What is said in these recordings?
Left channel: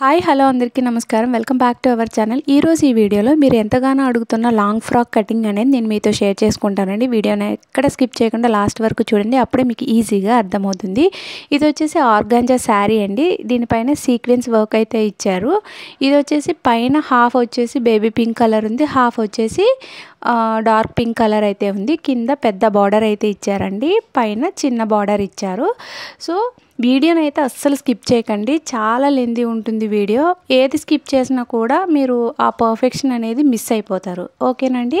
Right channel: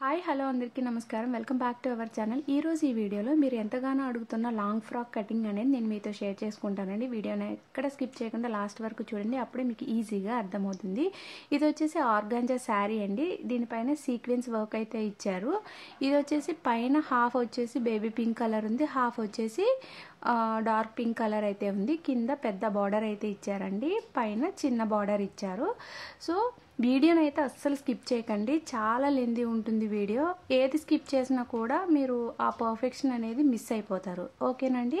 Hi hello అందరికీ నమస్కారం. Welcome back to our channel. ఈరోజు ఈ వీడియోలో మీరు ఎంతగానో అడుగుతున్న లాంగ్ ఫ్రాక్ కటింగ్ అనేది నేను మీతో షేర్ చేసుకుంటానండి. వీడియోని ఎక్కడ స్కిప్ చేయకుండా లాస్ట్ వరకు చూడండి, అప్పుడే మీకు ఈజీగా అర్థమవుతుంది. ఇది వచ్చేసి ఆర్గాంజా శారీ అండి. దీనిపైన సీక్వెన్స్ వర్క్ అయితే ఇచ్చారు. ఇది వచ్చేసి పైన హాఫ్ వచ్చేసి బేబీ పింక్ కలర్ ఉంది, హాఫ్ వచ్చేసి డార్క్ పింక్ కలర్ అయితే ఉంది. కింద పెద్ద బార్డర్ అయితే ఇచ్చారండి, పైన చిన్న బార్డర్ ఇచ్చారు. సో వీడియోని అయితే అస్సలు స్కిప్ చేయకండి, చాలా లెంతీ ఉంటుంది వీడియో. ఏది స్కిప్ చేసినా కూడా మీరు ఆ పర్ఫెక్షన్ అనేది మిస్ అయిపోతారు. ఓకేనండి.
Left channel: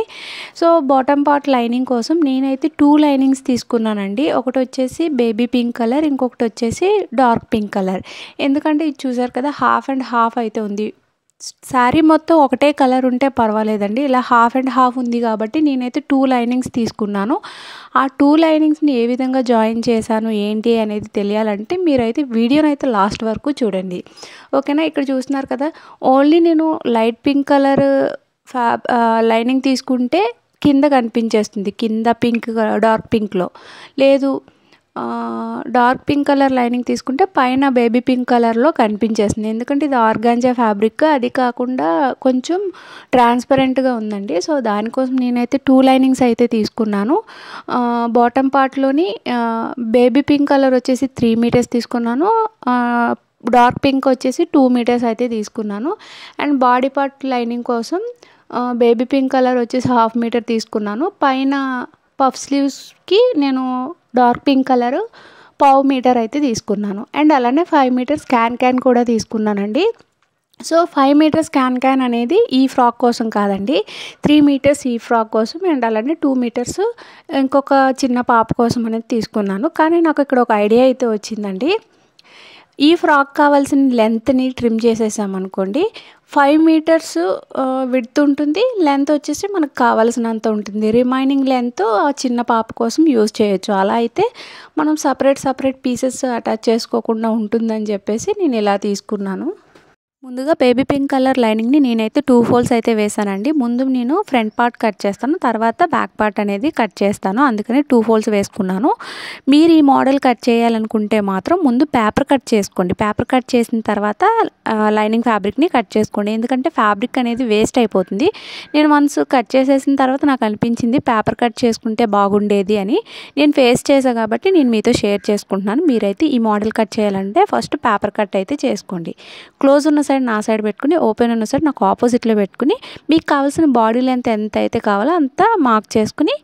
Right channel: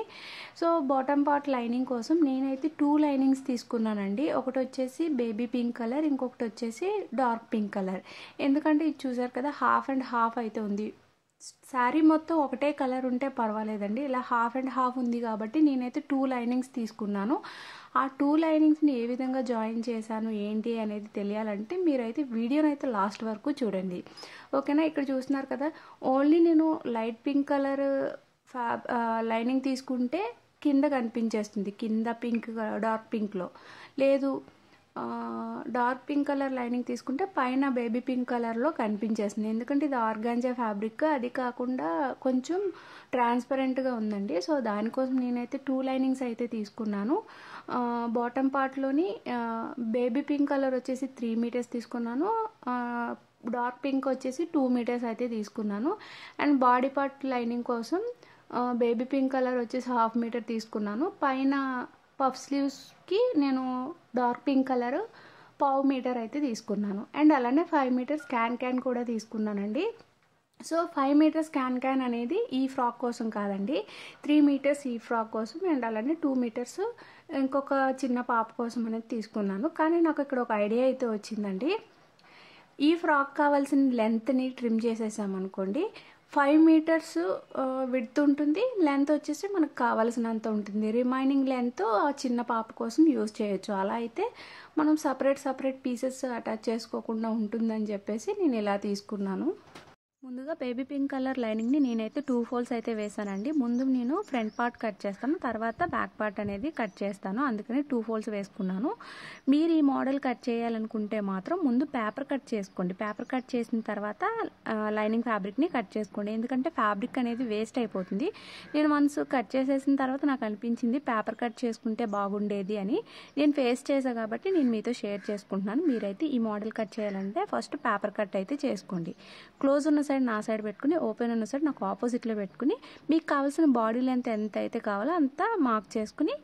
సో బాటమ్ పార్ట్ లైనింగ్ కోసం నేనైతే 2 లైనింగ్స్ తీసుకున్నానండి. ఒకటి వచ్చేసి బేబీ పింక్ కలర్, ఇంకొకటి వచ్చేసి డార్క్ పింక్ కలర్. ఎందుకంటే ఇది చూసారు కదా, హాఫ్ అండ్ హాఫ్ అయితే ఉంది. శారీ మొత్తం ఒకటే కలర్ ఉంటే పర్వాలేదండి, ఇలా హాఫ్ అండ్ హాఫ్ ఉంది కాబట్టి నేనైతే 2 లైనింగ్స్ తీసుకున్నాను. ఆ 2 లైనింగ్స్ని ఏ విధంగా జాయిన్ చేశాను ఏంటి అనేది తెలియాలంటే మీరైతే వీడియోని అయితే లాస్ట్ వరకు చూడండి. ఓకేనా. ఇక్కడ చూస్తున్నారు కదా, ఓన్లీ నేను లైట్ పింక్ కలర్ లైనింగ్ తీసుకుంటే కింద కనిపించేస్తుంది, కింద పింక్ డార్క్ పింక్లో. లేదు డార్క్ పింక్ కలర్ లైనింగ్ తీసుకుంటే పైన బేబీ పింక్ కలర్లో కనిపించేస్తుంది. ఎందుకంటే ఇది ఆర్గాంజా ఫ్యాబ్రిక్, అది కాకుండా కొంచెం ట్రాన్స్పరెంట్గా ఉందండి. సో దానికోసం నేనైతే 2 లైనింగ్స్ అయితే తీసుకున్నాను. బాటమ్ పార్ట్లోని బేబీ పింక్ కలర్ వచ్చేసి 3 మీటర్స్ తీసుకున్నాను, డార్క్ పింక్ వచ్చేసి 2 మీటర్స్ అయితే తీసుకున్నాను. అండ్ బాడీ పార్ట్ లైనింగ్ కోసం బేబీ పింక్ కలర్ వచ్చేసి 1/2 మీటర్ తీసుకున్నాను. పైన పఫ్ స్లీవ్స్కి నేను డార్క్ పింక్ కలర్ 1/2 మీటర్ అయితే తీసుకున్నాను. అండ్ అలానే 5 మీటర్స్ క్యాన్ కూడా తీసుకున్నానండి. సో 5 మీటర్స్ క్యాన్ అనేది ఈ ఫ్రాక్ కోసం కాదండి, 3 మీటర్స్ ఈ ఫ్రాక్ కోసం, అండ్ అలానే 2 మీటర్స్ ఇంకొక చిన్న పాప కోసం అనేది తీసుకున్నాను. కానీ నాకు ఇక్కడ ఒక ఐడియా అయితే వచ్చిందండి. ఈ ఫ్రాక్ కావాల్సిన లెంత్ని ట్రిమ్ చేసేసామనుకోండి, 5 మీటర్స్ విడ్త్ ఉంటుంది, లెంత్ వచ్చేసి మనకు కావాల్సినంత ఉంటుంది. రిమైనింగ్ లెంత్ ఆ చిన్న పాప కోసం యూజ్ చేయొచ్చు. అలా అయితే మనం సపరేట్ పీసెస్ అటాచ్ చేసుకోకుండా ఉంటుందని చెప్పేసి నేను ఇలా తీసుకున్నాను. ముందుగా బేబీ పింక్ కలర్ లైనింగ్ని నేనైతే 2 ఫోల్డ్స్ అయితే వేసానండి. ముందు నేను ఫ్రంట్ పార్ట్ కట్ చేస్తాను, తర్వాత బ్యాక్ పార్ట్ అనేది కట్ చేస్తాను, అందుకని 2 ఫోల్డ్స్ వేసుకున్నాను. మీరు ఈ మోడల్ కట్ చేయాలనుకుంటే మాత్రం ముందు పేపర్ కట్ చేసుకోండి. పేపర్ కట్ చేసిన తర్వాత లైనింగ్ ఫ్యాబ్రిక్ని కట్ చేసుకోండి, ఎందుకంటే ఫ్యాబ్రిక్ అనేది వేస్ట్ అయిపోతుంది. నేను వన్స్ కట్ చేసేసిన తర్వాత నాకు అనిపించింది పేపర్ కట్ చేసుకుంటే బాగుండేది అని. నేను ఫేస్ చేశాను కాబట్టి నేను మీతో షేర్ చేసుకుంటున్నాను. మీరైతే ఈ మోడల్ కట్ చేయాలంటే ఫస్ట్ పేపర్ కట్ అయితే చేసుకోండి. క్లోజ్ ఉన్న సైడ్ నా సైడ్ పెట్టుకుని, ఓపెన్ ఉన్న సైడ్ నాకు ఆపోజిట్లో పెట్టుకుని, మీకు కావాల్సిన బాడీ లెంత్ ఎంత అయితే కావాలో అంత మార్క్ చేసుకుని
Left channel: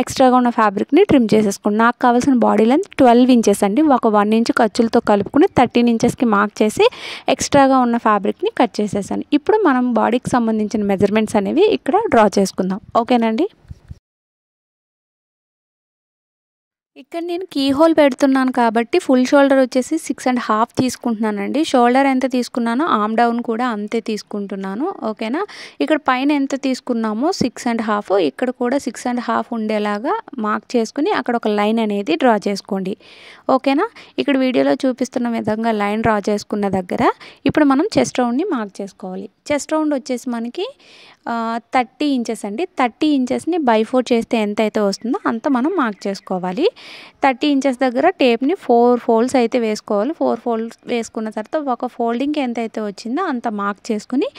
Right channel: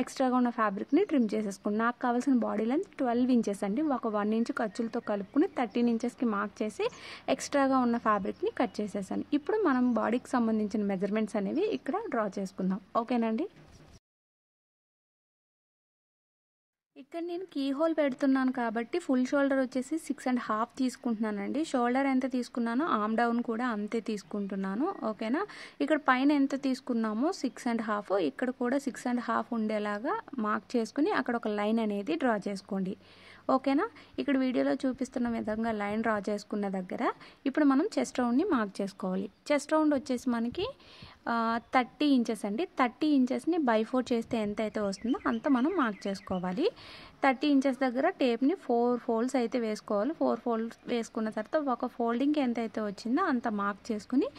ఎక్స్ట్రాగా ఉన్న ఫ్యాబ్రిక్ని ట్రిమ్ చేసేసుకోండి. నాకు కావాల్సిన బాడీ లెంత్ 12 ఇంచెస్ అండి. ఒక 1 ఇంచ్ ఖర్చులతో కలుపుకుని 13 ఇంచెస్కి మార్క్ చేసి ఎక్స్ట్రాగా ఉన్న ఫ్యాబ్రిక్ని కట్ చేసేసాను. ఇప్పుడు మనం బాడీకి సంబంధించిన మెజర్మెంట్స్ అనేవి ఇక్కడ డ్రా చేసుకుందాం. ఓకేనండి. ఇక్కడ నేను కీ హోల్ పెడుతున్నాను కాబట్టి ఫుల్ షోల్డర్ వచ్చేసి 6.5 తీసుకుంటున్నానండి. షోల్డర్ ఎంత తీసుకున్నానో ఆర్మ్ డౌన్ కూడా అంతే తీసుకుంటున్నాను. ఓకేనా. ఇక్కడ పైన ఎంత తీసుకున్నామో 6.5, ఇక్కడ కూడా 6.5 ఉండేలాగా మార్క్ చేసుకుని అక్కడ ఒక లైన్ అనేది డ్రా చేసుకోండి. ఓకేనా. ఇక్కడ వీడియోలో చూపిస్తున్న విధంగా లైన్ డ్రా చేసుకున్న దగ్గర ఇప్పుడు మనం చెస్ట్ రౌండ్ని మార్క్ చేసుకోవాలి. చెస్ట్ రౌండ్ వచ్చేసి మనకి 30 ఇంచెస్ అండి. 30 ఇంచెస్ని బై 4 చేస్తే ఎంత అయితే వస్తుందో అంత మనం మార్క్ చేసుకోవాలి. 30 ఇంచెస్ దగ్గర టేప్ని 4 ఫోల్డ్స్ అయితే వేసుకోవాలి. 4 ఫోల్డ్స్ వేసుకున్న తర్వాత ఒక ఫోల్డింగ్కి ఎంత అయితే వచ్చిందో అంత మార్క్ చేసుకుని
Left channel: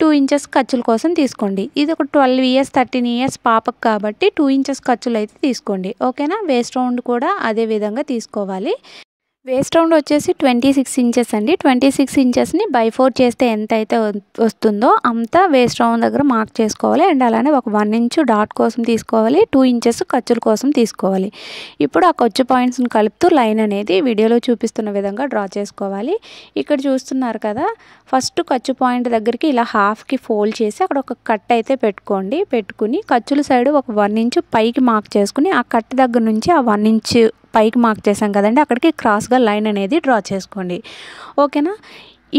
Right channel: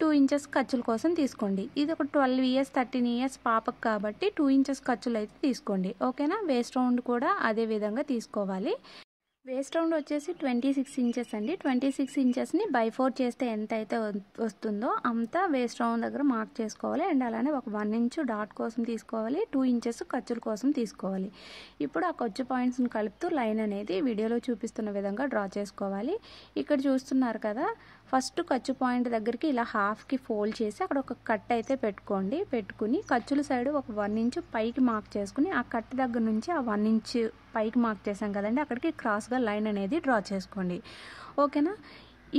2 ఇంచెస్ ఖర్చుల కోసం తీసుకోండి. ఇది ఒక 12 ఇయర్స్ 13 ఇయర్స్ పాపకు కాబట్టి 2 ఇంచెస్ ఖర్చులు అయితే తీసుకోండి. ఓకేనా. వేస్ట్ రౌండ్ కూడా అదే విధంగా తీసుకోవాలి. వేస్ట్ రౌండ్ వచ్చేసి 26 ఇంచెస్ అండి. 26 ఇంచెస్ని బై 4 చేస్తే ఎంత అయితే వస్తుందో అంత వేస్ట్ రౌండ్ దగ్గర మార్క్ చేసుకోవాలి. అండ్ అలానే ఒక 1 ఇంచ్ డాట్ కోసం తీసుకోవాలి, 2 ఇంచెస్ ఖర్చుల కోసం తీసుకోవాలి. ఇప్పుడు ఆ ఖర్చు పాయింట్స్ని కలుపుతూ లైన్ అనేది వీడియోలో చూపిస్తున్న విధంగా డ్రా చేసుకోవాలి. ఇక్కడ చూస్తున్నారు కదా, ఫస్ట్ ఖర్చు పాయింట్ దగ్గరికి ఇలా హాఫ్కి ఫోల్డ్ చేసి అక్కడ ఒక కట్ అయితే పెట్టుకుని ఖర్చుల సైడ్ ఒక 1 ఇంచ్ పైకి మార్క్ చేసుకుని ఆ కట్ దగ్గర నుంచి ఆ 1 ఇంచ్ పైకి మార్క్ చేసాం కదండి, అక్కడికి క్రాస్గా లైన్ అనేది డ్రా చేసుకోండి. ఓకేనా.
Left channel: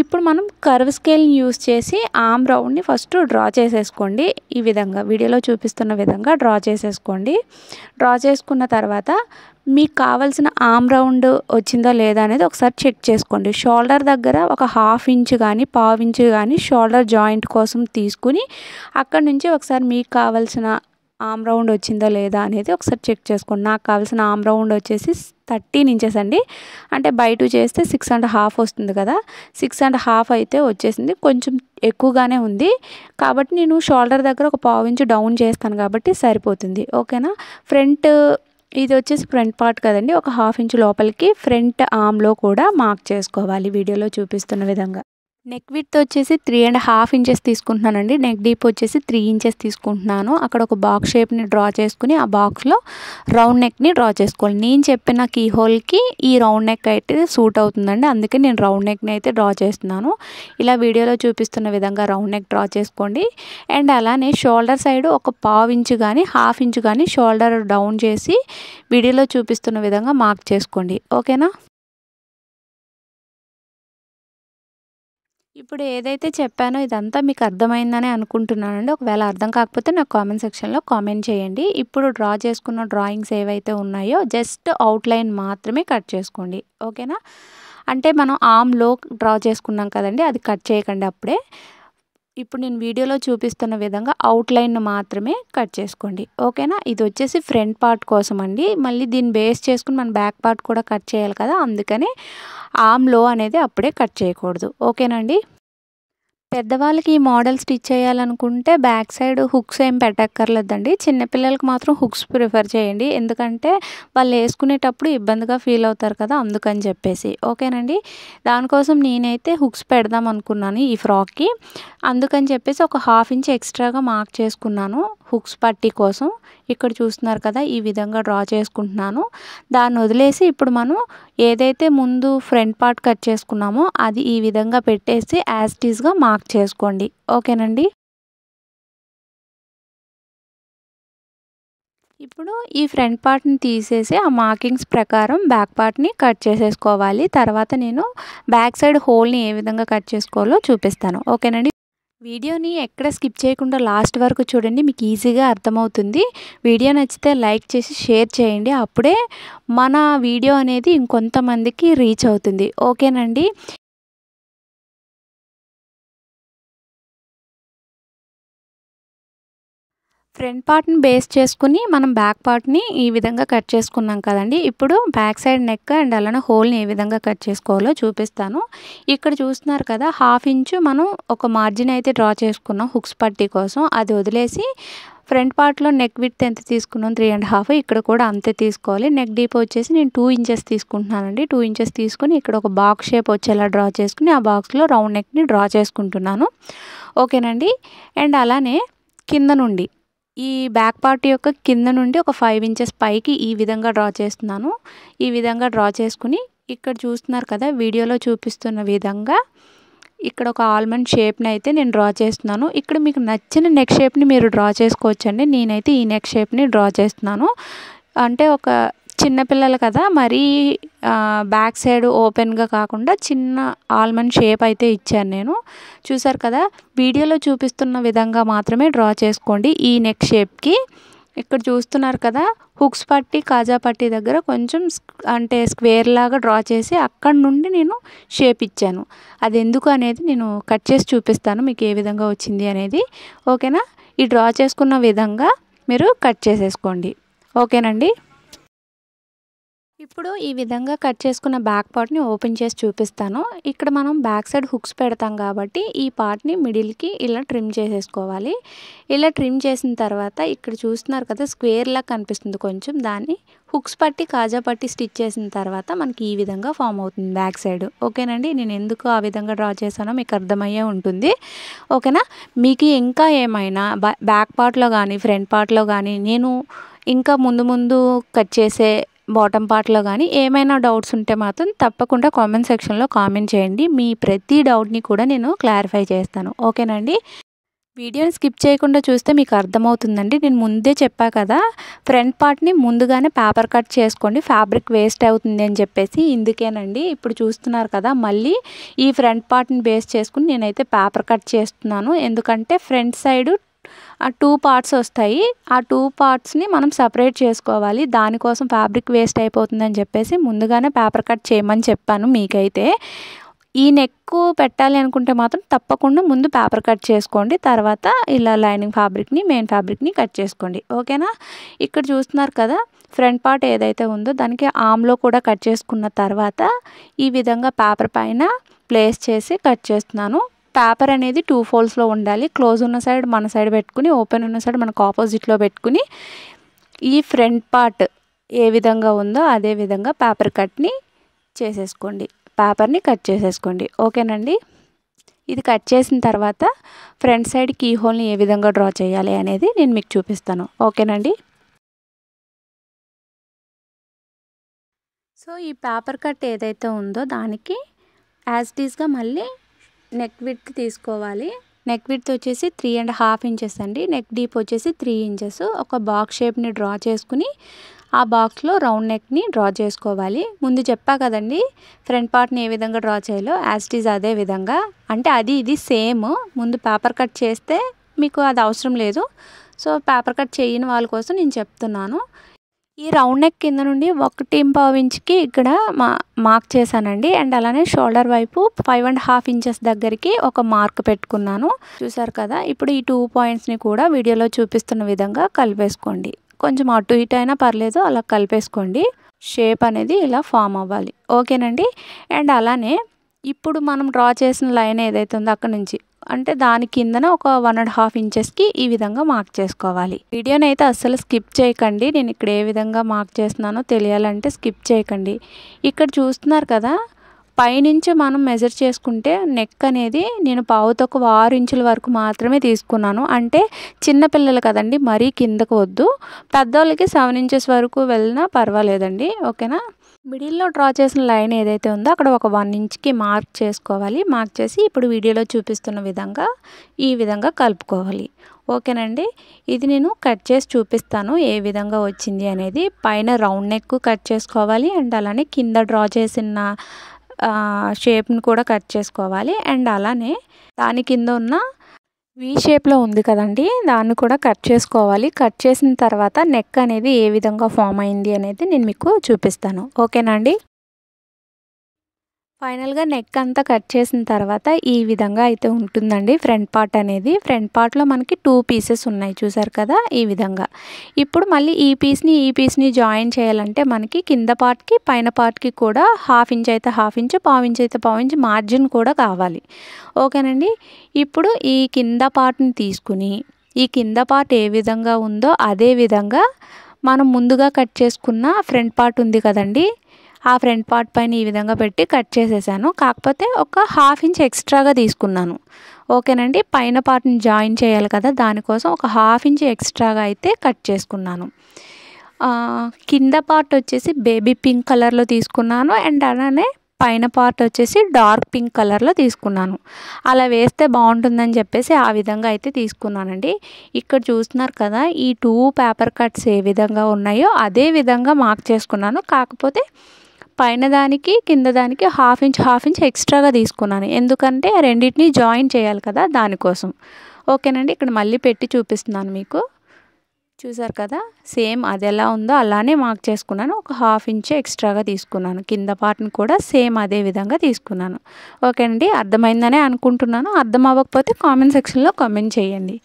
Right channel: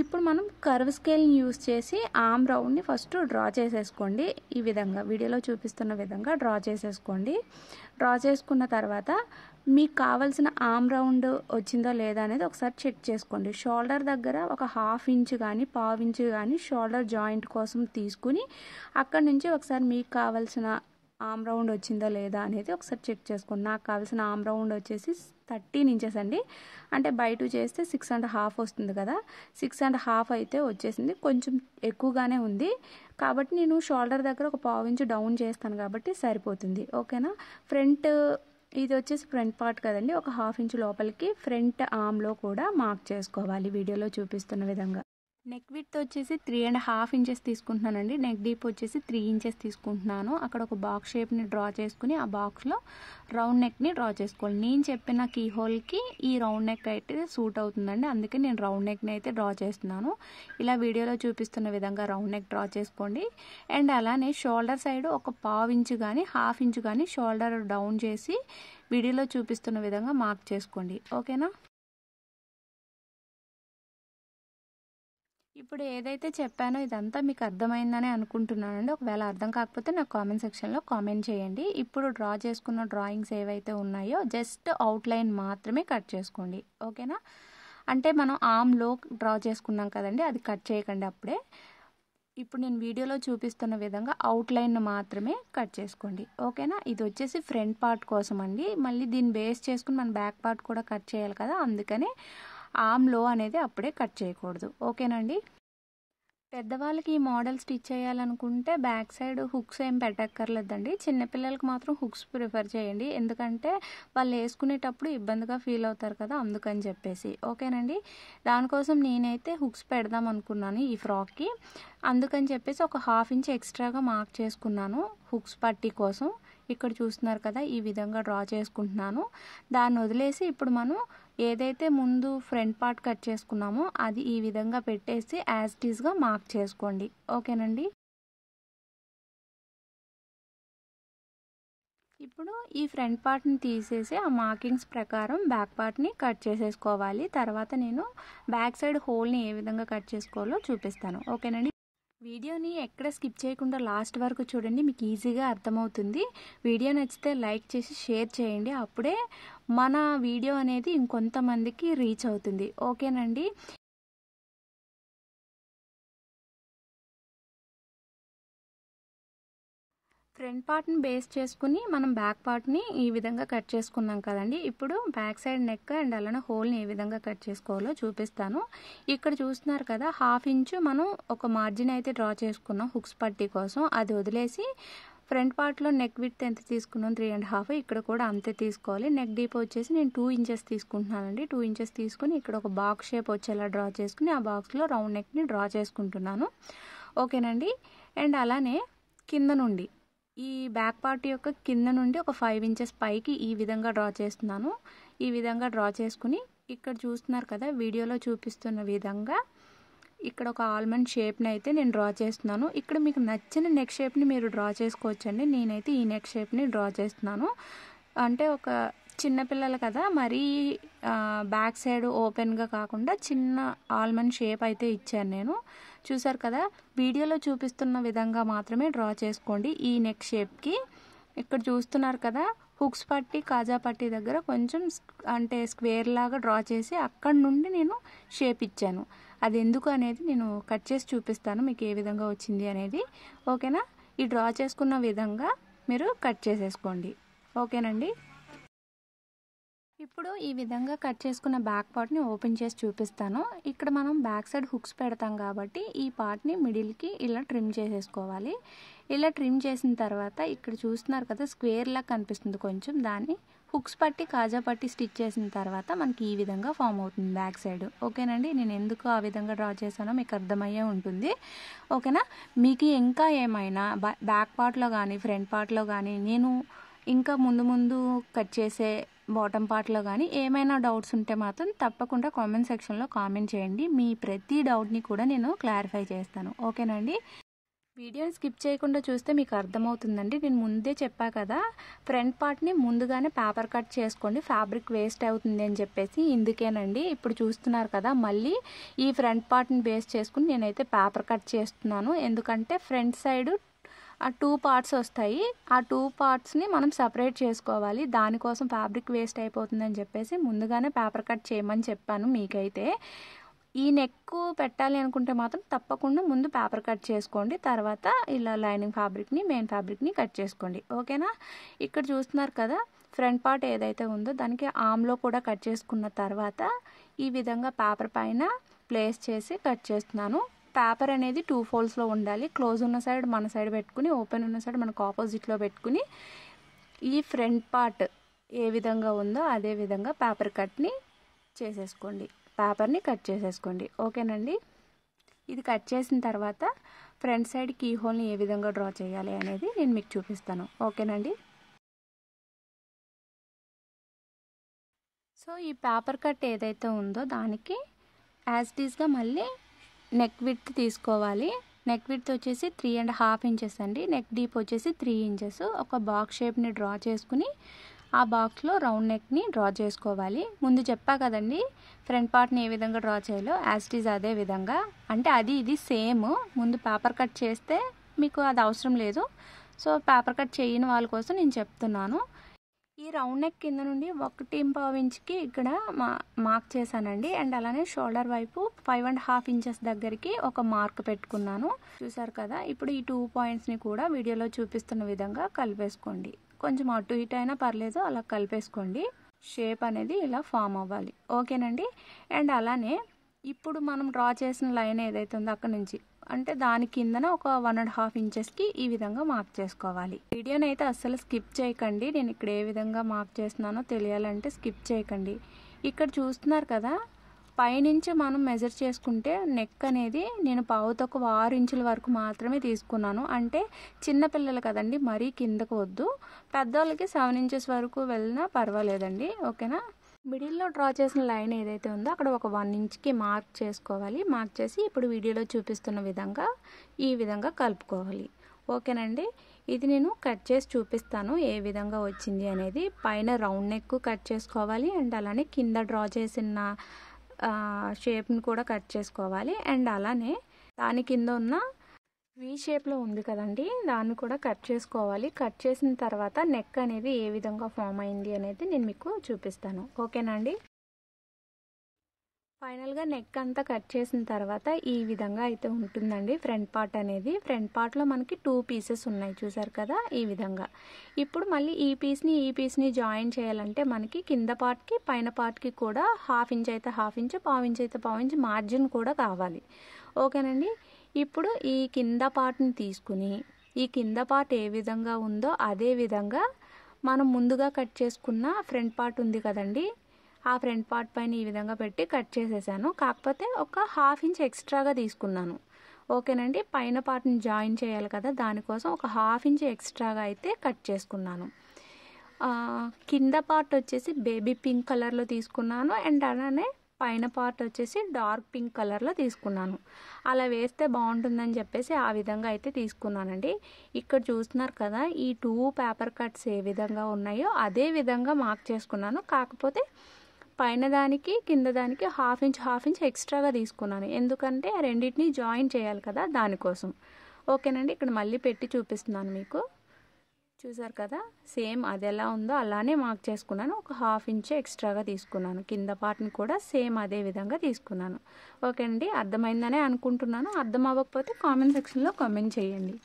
ఇప్పుడు మనం కర్వ్ స్కేల్ని యూస్ చేసి ఆర్మ్ రౌండ్ని ఫస్ట్ డ్రా చేసేసుకోండి. ఈ విధంగా వీడియోలో చూపిస్తున్న విధంగా డ్రా చేసేసుకోండి. డ్రా చేసుకున్న తర్వాత మీకు కావాల్సిన ఆర్మ్ రౌండ్ వచ్చిందా లేదా అనేది ఒకసారి చెక్ చేసుకోండి. షోల్డర్ దగ్గర ఒక 1/2 ఇంచ్ కానీ 1/4 ఇంచ్ కానీ షోల్డర్ జాయింట్ కోసం తీసుకుని అక్కడ నుంచి ఒకసారి మీకు కావాల్సిన ఆమ్ రౌండ్ వచ్చిందో లేదా అనేది ఒకసారి చెక్ చేసుకోండి. నాకు కావాల్సిన ఆమ్ రౌండ్ వచ్చేసి 13 ఇంచెస్ అండి. అంటే బై 2 చేస్తే 6.5 వస్తుంది కదా, 6.5 అయితే వచ్చేసింది. కొంచెం ఎక్కువగానే ఉంది కాబట్టి నేను షోల్డర్ దగ్గర ఒక పావు ఇంచు డౌన్ చేస్తాను కాబట్టి సరిపోతుంది. ఓకేనా. ఫ్రంట్ ఇది వచ్చేసి ఫ్రంట్ పార్ట్ కదండి. ఒక హాఫ్ ఇంచు లోపలికి ఫ్రంట్ ఆమ్లో కూడా మార్క్ చేసుకోవాలి వీడియోలో చూపిస్తున్న విధంగా. నెక్ విడ్త్ వచ్చేసి 3.5 ఇంచెస్ తీసుకుంటున్నానండి. నెక్ డీప్ వచ్చేసి 3 ఇంచెస్ తీసుకుంటున్నాను. అక్కడ ఒక బాక్స్ షేప్ని డ్రా చేసుకుని ఆ బాక్స్లో రౌండ్ నెక్ని డ్రా చేసుకోవాలి. నేను చెప్పిన కీ హోల్కి ఈ రౌండ్ నెక్ అయితే సూట్ అవుతుందండి, అందుకే నేను రౌండ్ నెక్ని అయితే డ్రా చేస్తున్నాను. ఇలా వీడియోలో చూపిస్తున్న విధంగా రౌండ్ నెక్ డ్రా చేసుకోండి. అండ్ అలానే షోల్డర్ సైడ్ ఒక పావు ఇంచు కానీ హాఫ్ ఇంచు కానీ షోల్డర్ డౌన్ చేసి వీడియోలో చూపిస్తున్న విధంగా మార్క్ చేసుకోండి. ఓకేనా. ఇప్పుడు ఏదైతే చెప్పానో ఇదంతా మీకు అర్థమైందని అనుకుంటున్నానండి. ఒకవేళ అర్థం కాకపోతే నాకు కామెంట్ సెక్షన్లో కామెంట్ చేయండి. ఇప్పుడు డ్రా చేసుకున్న డ్రాయింగ్స్ ఏవైతే ఉన్నాయో జస్ట్ అవుట్లైన్ మాత్రమే కట్ చేసుకోండి. ఓకేనా. అంటే మనం ఆమ్లో డ్రా చేసుకున్నాం కదండి, అది కట్ చేయకండి అప్పుడే. ఇప్పుడు నేను వీడియోలో చూపిస్తున్న విధంగా అవుట్లైన్ మాత్రమే కట్ చేసుకోండి. ఓకేనా. ఇది వచ్చేసి ఫ్రంట్ పార్ట్ కోసం అండి. మళ్ళీ దీన్ని బేస్ చేసుకుని మనం బ్యాక్ పార్ట్ కూడా కట్ చేయాలి కదా, అందుకని ఆమ్లో అనేది అప్పుడే కట్ చేయకూడదు. ఓకేనండి. పెద్దవాళ్ళకి ఈ మోడల్ స్టిచ్ చేయాలనుకుంటే బ్యాక్ సైడ్ హుక్స్ ఏం పెట్టక్కర్లేదండి. చిన్నపిల్లలకి మాత్రం హుక్స్ ప్రిఫర్ చేయండి, ఎందుకంటే వాళ్ళు వేసుకునేటప్పుడు ఇబ్బందిగా ఫీల్ అవుతారు కదా, అందుకని చెప్పేసి. ఓకేనండి. దానికోసం నేనైతే హుక్స్ పెడదాం అనుకున్నాను ఈ ఫ్రాక్కి, అందుకని చెప్పేసి ఒక హాఫ్ ఇంచ్ ఎక్స్ట్రాగా మార్క్ చేసుకున్నాను హుక్స్ పట్టీ కోసం. ఇక్కడ చూస్తున్నారు కదా, ఈ విధంగా డ్రా చేసుకుంటున్నాను. దాన్ని వదిలేసి ఇప్పుడు మనం ఏదైతే ముందు ఫ్రంట్ పార్ట్ కట్ చేసుకున్నామో అది ఈ విధంగా పెట్టేసి యాజ్ ఇట్ ఈస్గా మార్క్ చేసుకోండి. ఓకేనండి. ఇప్పుడు ఈ ఫ్రంట్ పార్ట్ని తీసేసి ఆ మార్కింగ్స్ ప్రకారం బ్యాక్ పార్ట్ని కట్ చేసేసుకోవాలి. తర్వాత నేను బ్యాక్ సైడ్ హోల్ని ఏ విధంగా కట్ చేసుకోవాలో చూపిస్తాను. ఓకేనండి. వీడియోని ఎక్కడ స్కిప్ చేయకుండా లాస్ట్ వరకు చూడండి, మీకు ఈజీగా అర్థమవుతుంది. వీడియో నచ్చితే లైక్ చేసి షేర్ చేయండి, అప్పుడే మన వీడియో అనేది ఇంకొంతమందికి రీచ్ అవుతుంది. ఓకేనండి. ఫ్రంట్ పార్ట్ని బేస్ చేసుకుని మనం బ్యాక్ పార్ట్ని ఈ విధంగా కట్ చేసుకున్నాం కదండి. ఇప్పుడు బ్యాక్ సైడ్ నెక్ అండ్ అలానే హోల్ని ఏ విధంగా కట్ చేసుకోవాలో చూపిస్తాను. ఇక్కడ చూస్తున్నారు కదా, హాఫ్ ఇంచు మనం ఒక మార్జిన్ అయితే డ్రా చేసుకున్నాం హుక్స్ పట్టీ కోసం. అది వదిలేసి ఫ్రంట్ పార్ట్లో నెక్ విడ్త్ ఎంత తీసుకున్నాం 3.5, ఇక్కడ కూడా అంతే తీసుకోవాలి. నెక్ డీప్ వచ్చేసి నేను 2 ఇంచెస్ తీసుకుంటున్నానండి. 2 ఇంచెస్ తీసుకుని ఇక్కడ ఒక బాక్స్ షేప్ వచ్చేలా డ్రా చేసుకుని ఆ బాక్స్లో రౌండ్ నెక్ని డ్రా చేసుకుంటున్నాను. ఓకేనండి. అండ్ అలానే కింద నుండి ఈ బ్యాక్ పార్ట్ యొక్క కింద నుండి ఒక 5 ఇంచెస్ పైకి ఈ విధంగా డ్రా చేస్తున్నాను. ఈ విధంగా డ్రా చేసుకుని ఇక్కడ చూస్తున్నారు కదా, వీడియోలో చూపిస్తున్న విధంగా ఇక్కడ ఒక ఆల్మండ్ షేప్ని అయితే నేను డ్రా చేస్తున్నాను. ఇక్కడ మీకు నచ్చిన నెక్ షేప్ని మీరు డ్రా చేసుకోవచ్చండి. నేనైతే ఈ నెక్ షేప్ని డ్రా చేస్తున్నాను. అంటే ఒక చిన్నపిల్లలు కదా, మరీ బ్యాక్ సైడ్ ఓపెన్గా కాకుండా చిన్న ఆల్మండ్ షేప్ అయితే ఇచ్చాను నేను. చూసారు కదా, వీడియోలో చూపిస్తున్న విధంగా మాత్రమే డ్రా చేసుకోండి ఈ నెక్ షేప్కి. ఇక్కడ చూస్తున్నారు కదా, హుక్స్ పట్టి కాజా పట్టి దగ్గర కొంచెం అంటే స్క్వేర్ లాగా డ్రా చేసి అక్కడ నుండి నేను షేప్ ఇచ్చాను. అది ఎందుకు అనేది నేను కట్ చేసి చూపిస్తాను మీకు ఏ విధంగా వచ్చింది అనేది. ఓకేనా. ఈ డ్రా చేసుకున్న విధంగా మీరు కట్ చేసేసుకోండి. ఓకేనండి. ఇప్పుడు ఈ విధంగా కట్ చేసుకున్న బ్యాక్ పార్ట్ని ఓపెన్ చేసి చూపిస్తాను. ఇక్కడ మనం బ్యాక్ సైడ్ హుక్స్ పెడతాం కాబట్టి ఈ పార్ట్ని మిడిల్కి ఇలా ట్రిమ్ చేసేసుకోవాలి. ఇలా ట్రిమ్ చేసిన తర్వాత ఇక్కడ చూస్తున్నారు కదా, స్క్వేర్లా కనిపిస్తుంది కొంచెం, దాన్ని హుక్స్ పట్టి కాజా పట్టి స్టిచ్ చేసిన తర్వాత మనకి ఈ విధంగా ఫామ్ అవుతుంది బ్యాక్ సైడ్. ఓకేనండి. నేను ఎందుకు ఆ విధంగా డ్రా చేశానో మీకు అర్థమయ్యే ఉంటుంది. ఓకేనా. మీకు ఇంకా ఏమైనా బ్యాక్ పార్ట్లో కానీ ఫ్రంట్ పార్ట్లో కానీ నేను ఇంకా ముందు కట్ చేసే బాటమ్ పార్ట్లో కానీ ఏమైనా డౌట్స్ ఉంటే మాత్రం తప్పకుండా కామెంట్ సెక్షన్లో కామెంట్ చేయండి. మీ ప్రతి డౌట్ని కూడా నేను క్లారిఫై చేస్తాను. ఓకేనండి. వీడియోని స్కిప్ చేయకుండా చూస్తే మీకు అర్థమవుతుందండి. నేను ముందే చెప్పా కదా, ఫ్రంట్ పార్ట్ని ముందుగానే పేపర్ కట్ చేసుకోండి, ఫ్యాబ్రిక్ వేస్ట్ అవుతుంది అని చెప్పేసి. ఇందుకేనండి. ఇప్పుడు చూస్తున్నారు కదా, మళ్ళీ ఈ ఫ్రంట్ పార్ట్ని బేస్ చేసుకుని నేనైతే పేపర్ కట్ చేస్తున్నాను. ఎందుకంటే ఫ్రంట్ సైడ్ ఆ 2 పార్ట్స్ వస్తాయి. ఆ 2 పార్ట్స్ని మనం సపరేట్ చేసుకోవాలి. దానికోసం ఫ్యాబ్రిక్ వేస్ట్ అయిపోతుందని చెప్పేసి ముందుగానే పేపర్ కట్ చేయమని చెప్పాను మీకైతే. ఈ నెక్ పెట్టాలి అనుకుంటే మాత్రం తప్పకుండా ముందు పేపర్ కట్ చేసుకోండి, తర్వాత ఇలా లైనింగ్ ఫ్యాబ్రిక్ని మెయిన్ ఫ్యాబ్రిక్ని కట్ చేసుకోండి. ఓకేనా? ఇక్కడ చూస్తున్నారు కదా, ఫ్రంట్ పార్ట్ ఏదైతే ఉందో దానికి ఆమ్లో కూడా కట్ చేసుకున్న తర్వాత ఈ విధంగా పేపర్ పైన ప్లేస్ చేసి కట్ చేస్తున్నాను. పేపర్ అనేది 2 ఫోల్డ్స్లో ఉండాలి. క్లోజ్ ఉన్న సైడ్ మన సైడ్ పెట్టుకుని, ఓపెన్ ఉన్న సైడ్ మనకు ఆపోజిట్లో పెట్టుకుని ఈ ఫ్రంట్ పార్ట్ ఏ విధంగా ఉందో అదే విధంగా పేపర్ కట్ని చేసేసుకోండి, పేపర్ని కట్ చేసేసుకోండి. ఓకేనండి? ఇది కట్ చేసిన తర్వాత ఫ్రంట్ సైడ్ కీ హోల్ని ఏ విధంగా డ్రా చేయాలి అనేది నేను మీకు చూపిస్తాను. ఓకేనండి? సో ఈ పేపర్ కట్ ఏదైతే ఉందో దానికి యాజ్ ఇట్ ఈస్గా మళ్ళీ నెక్ విడ్త్ తీసుకోవాలి. నెక్ విడ్త్ వచ్చేసి 3.5 ఇంచెస్ అండి. నెక్ డీప్ వచ్చేసి 3 ఇంచెస్. ఒక బాక్స్ షేప్ని డ్రా చేసుకుని ఆ బాక్స్లో రౌండ్ నెక్ని డ్రా చేసుకోవాలి. ముందు చెప్పా కదండి ఫ్రంట్ పార్ట్ని ఏ విధంగా డ్రా చేయాలో, యాజ్ ఇట్ ఈజ్ అదే విధంగా. అంటే అది ఇది సేమ్. ముందు పేపర్ కట్ చేస్తే మీకు అది అవసరం లేదు. సో పేపర్ కట్ చేయని వాళ్ళ కోసం నేను చెప్తున్నాను. ఈ రౌండ్ నెక్ కింద నుండి 1.5 ఇంచ్కి ఇక్కడ మార్క్ చేశానండి. అండ్ అలానే షోల్డర్ వైపు 5.5 ఇంచెస్ దగ్గరికి ఒక మార్క్ పెట్టుకున్నాను. చూసారు కదా? ఇప్పుడు ఈ 2 పాయింట్స్ని కూడా వీడియోలో చూపిస్తున్న విధంగా కలిపేసుకోండి. కొంచెం అటు ఇటు అయినా పర్లేదు, అలా కలిపేసుకోండి. షేప్ అనేది ఇలా ఫామ్ అవ్వాలి. ఓకేనండి? అండ్ అలానే ఇప్పుడు మనం డ్రా చేసిన లైన్ ఏదైతే ఉందో అక్కడ నుంచి అంటే దాని కిందన ఒక 1.5 ఇంచెస్కి ఈ విధంగా మార్క్ చేసుకోవాలి. వీడియోని అయితే అస్సలు స్కిప్ చేయకండి. నేను ఇక్కడ ఏ విధంగా మార్క్ చేస్తున్నానో తెలియాలంటే స్కిప్ చేయకండి. ఇక్కడ చూస్తున్నారు కదా, పైనుంచి మనం మెజర్ చేసుకుంటే నెక్ అనేది నేను 6 ఇంచుల వరకు మాత్రమే తీసుకున్నాను. అంటే చిన్నపిల్లలు కదండి, మరీ కిందకు వద్దు. పెద్దవాళ్ళకి 7 ఇంచెస్ వరకు వెళ్ళినా పర్వాలేదండి. ఓకేనా? మిడిల్లో డ్రా చేసిన లైన్ ఏదైతే ఉందో అక్కడ ఒక 1 ఇంచ్కి మార్క్ చేసుకోవాలి. మార్క్ చేసి ఇప్పుడు వీడియోలో చూపిస్తున్న విధంగా ఈ విధంగా కలుపుకోవాలి. ఓకేనండి? ఇది నేను కట్ చేసి చూపిస్తాను ఏ విధంగా వచ్చింది అనేది. పైన రౌండ్ నెక్ కట్ చేసుకోవాలి. అండ్ అలానే కింద డ్రా చేసిన షేప్ని కూడా కట్ చేసుకోవాలి. అండ్ అలానే దాని కింద ఉన్న వీ షేప్లో ఉంది కదండి, దాన్ని కూడా కట్ చేసుకోవాలి. కట్ చేసిన తర్వాత నెక్ అనేది ఏ విధంగా ఫామ్ అయింది అనేది నేను మీకు చూపిస్తాను. ఓకేనా అండి? ఫైనల్గా నెక్ అంతా కట్ చేసిన తర్వాత ఈ విధంగా అయితే ఉంటుందండి ఫ్రంట్ పార్ట్ అనేది. ఫ్రంట్ పార్ట్లో మనకి 2 పీసెస్ ఉన్నాయి, చూసారు కదా, ఈ విధంగా. ఇప్పుడు మళ్ళీ ఈ పీస్ని జాయిన్ చేయాలంటే మనకి కింద పార్ట్కి పైన పార్ట్కి కూడా 1/2 ఇంచ్ అయితే 1/2 ఇంచ్, 1/4 ఇంచ్ అయితే 1/4 ఇంచ్ మార్జిన్ కూడా కావాలి. ఓకేనండి? ఇప్పుడు ఈ కింద పార్ట్ని తీసుకుని ఈ కింద పార్ట్ ఏ విధంగా ఉందో అదే విధంగా మనం ముందుగా కట్ చేసుకున్న ఫ్రంట్ పార్ట్ ఉంది కదండి, ఆ ఫ్రంట్ పార్ట్ పైన ఈ విధంగా పెట్టి కట్ చేసేసాను. కాకపోతే ఒక 1/2 ఇంచ్ ఎక్స్ట్రాగా తీసుకున్నాను. ఓకేనండి? పైన పార్ట్ని జాయిన్ చేయాలి కదా, దానికోసం ఒక 1/2 ఇంచ్ ఎక్స్ట్రాగా అయితే కట్ చేసుకున్నాను. కింద పార్ట్ వచ్చేసి బేబీ పింక్ కలర్లో తీసుకున్నాను. అండ్ అలానే పైన పార్ట్ వచ్చేసి డార్క్ పింక్ కలర్లో తీసుకున్నాను. అలా వేస్తే బాగుంటుందని చెప్పేసి ఆ విధంగా అయితే తీసుకున్నానండి. ఇక్కడ చూస్తున్నారు కదా, ఈ 2 పేపర్ కట్స్ ఏ విధంగా ఉన్నాయో అదే విధంగా మార్క్ చేసుకున్నాను. కాకపోతే పైన దానికి కింద దానికి 1/2 ఇంచ్ ఎక్స్ట్రాగా తీసుకున్నాను. ఎందుకంటే రెండింటిని జాయిన్ చేయాలి కదా, దానికోసం. ఓకేనండి? ఇక్కడ మళ్ళీ పెట్టి చూపిస్తున్నాను మీకు. చూసారు కదా, సేమ్ అది ఎలా ఉందో అలానే మార్క్ చేసుకున్నాను. ఒక 1/2 ఇంచ్ ఎక్స్ట్రాగా తీసుకున్నాను. కింద పార్ట్ని కూడా సేమ్ అదే విధంగా తీసుకున్నాను. ఓకేనండి? అర్థమైందనే అనుకుంటున్నాను. అర్థం అవ్వకపోతే కామెంట్ సెక్షన్లో కామెంట్ చేయండి.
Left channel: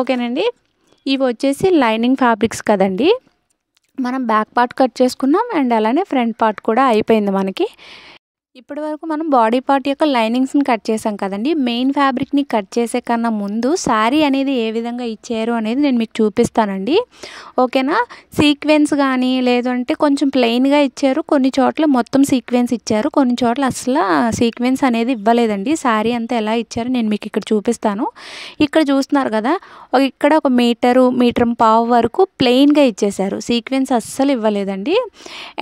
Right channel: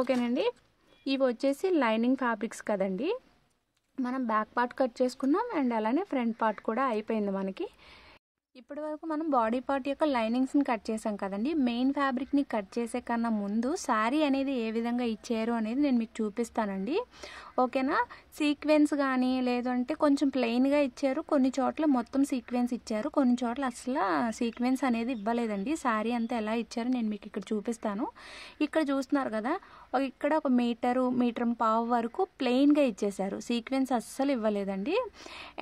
ఓకేనండి? ఇవి వచ్చేసి లైనింగ్ ఫ్యాబ్రిక్స్ కదండి. మనం బ్యాక్ పార్ట్ కట్ చేసుకున్నాం. అండ్ అలానే ఫ్రంట్ పార్ట్ కూడా అయిపోయింది మనకి. ఇప్పటి వరకు మనం బాడీ పార్ట్ యొక్క లైనింగ్స్ని కట్ చేసాం కదండి. మెయిన్ ఫ్యాబ్రిక్ని కట్ చేసే కన్నా ముందు శారీ అనేది ఏ విధంగా ఇచ్చారు అనేది నేను మీకు చూపిస్తానండి. ఓకేనా? సీక్వెన్స్ కానీ లేదంటే కొంచెం ప్లెయిన్గా ఇచ్చారు, కొన్ని చోట్ల మొత్తం సీక్వెన్స్ ఇచ్చారు, కొన్ని చోట్ల అసలు సీక్వెన్స్ అనేది ఇవ్వలేదండి. శారీ అంతా ఎలా ఇచ్చారో నేను మీకు ఇక్కడ చూపిస్తాను. ఇక్కడ చూస్తున్నారు కదా, ఇక్కడ ఒక మీటర్ 1.5 వరకు ప్లెయిన్గా ఇచ్చేశారు, సీక్వెన్స్ అస్సలు ఇవ్వలేదండి.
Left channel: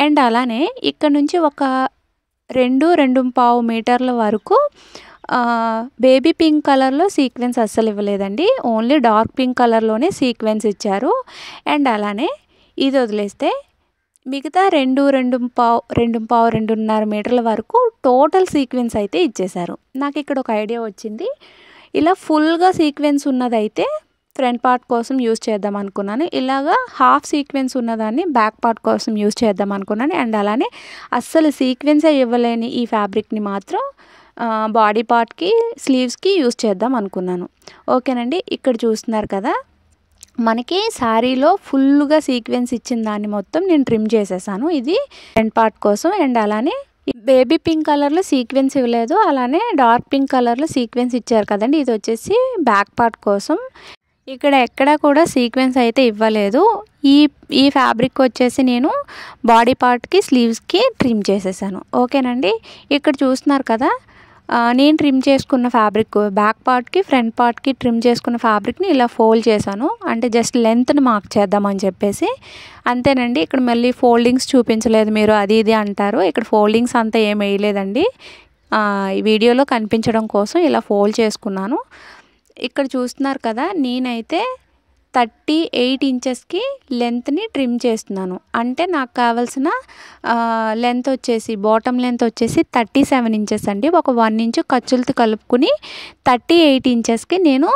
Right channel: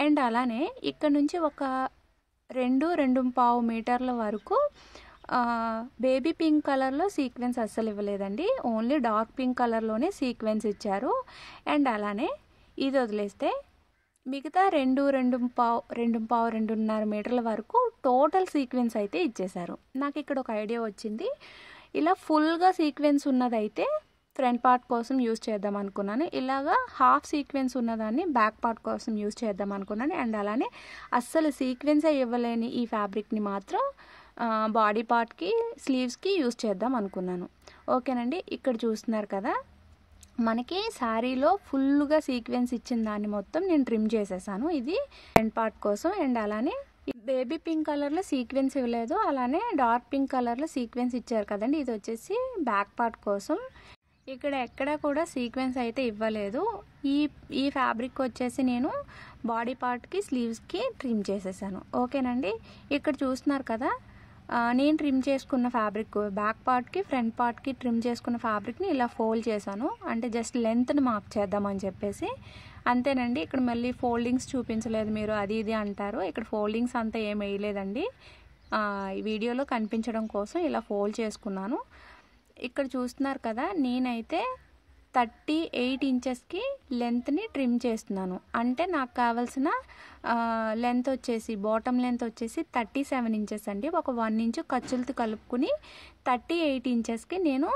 అండ్ అలానే ఇక్కడ నుంచి ఒక 2-2.5 మీటర్ల వరకు బేబీ పింక్ కలర్లో సీక్వెన్స్ అస్సలు ఇవ్వలేదండి. ఓన్లీ డార్క్ పింక్ కలర్లోనే సీక్వెన్స్ ఇచ్చారు. అండ్ అలానే ఇది వదిలేస్తే మిగతా 2.5-2.5 మీటర్ల వరకు టోటల్ సీక్వెన్స్ అయితే ఇచ్చేశారు. నాకు ఇక్కడ ఒక ఐడియా వచ్చింది. ఇలా ఫుల్గా సీక్వెన్స్ ఉన్నదైతే ఫ్రంట్ పార్ట్ కోసం యూజ్ చేద్దాం అనుకున్నాను. ఇలాగా హాఫ్ సీక్వెన్స్ ఉన్నదాన్ని బ్యాక్ పార్ట్ కోసం యూజ్ చేద్దాం అనుకున్నాను. అండ్ అలానే అస్సలు సీక్వెన్సే ఇవ్వలేని ఈ ఫ్యాబ్రిక్ని మాత్రం బాడీ పార్ట్కి స్లీవ్స్కి యూస్ చేద్దాం అనుకున్నాను. ఓకేనండి. ఇక్కడ చూస్తున్నారు కదా, మనకి శారీలో ఫుల్గా సీక్వెన్స్ ఇచ్చిన దాన్ని మొత్తం నేను ట్రిమ్ చేసేసాను. ఇది ఫ్రంట్ పార్ట్ కోసం. అండ్ అలానే బేబీ పింక్ కలర్లో సీక్వెన్స్ ఇవ్వలేదు, అలానే డార్క్ పింక్ కలర్లో సీక్వెన్స్ ఇచ్చారు కదండి. ఇది వచ్చేసి బ్యాక్ పార్ట్ కోసం. ఇక్కడ ఎక్కడ కూడా సీక్వెన్స్ అయితే ఇవ్వలేదు. ఈ ఫ్యాబ్రిక్ వచ్చేసి నేను బాడీ పార్ట్కి స్లీవ్స్కి ట్రిమ్ చేసేసాను. ఓకేనండి. ఇక్కడ చూస్తున్నారు కదా, నేను ట్రిమ్ చేసుకున్న ఫ్యాబ్రిక్ బ్యాక్ పార్ట్కి ఫ్రంట్ పార్ట్కి ట్రిమ్ చేసుకున్న ఫ్యాబ్రిక్ని ఇలా ఫోల్డ్ చేశాను. అంటే జస్ట్ లెంత్ని మార్క్ చేద్దామని చెప్పేసి. అంతేనండి. ఇక్కడ మళ్ళీ ఫోల్డింగ్స్ చూపించలేదు మీరు, అది ఇది అంటారు. ఇక్కడ ఫోల్డింగ్స్ అంతా ఏం వేయలేదండి. ఈ వీడియోలో కనిపించడం కోసం ఇలా ఫోల్డ్ చేసుకున్నాను. ఇక్కడ చూస్తున్నారు కదా, నేనైతే 38 ఇంచెస్కి లెంత్ని ట్రిమ్ చేస్తున్నాను. అంటే నాకు కావాల్సిన లెంత్ వచ్చేసి బాటమ్ లెంత్ వచ్చేసి 37 ఇంచెస్ అండి. ఒక 1 ఇంచు ఖర్చులతో కలుపుకుని 38 ఇంచెస్కి నేను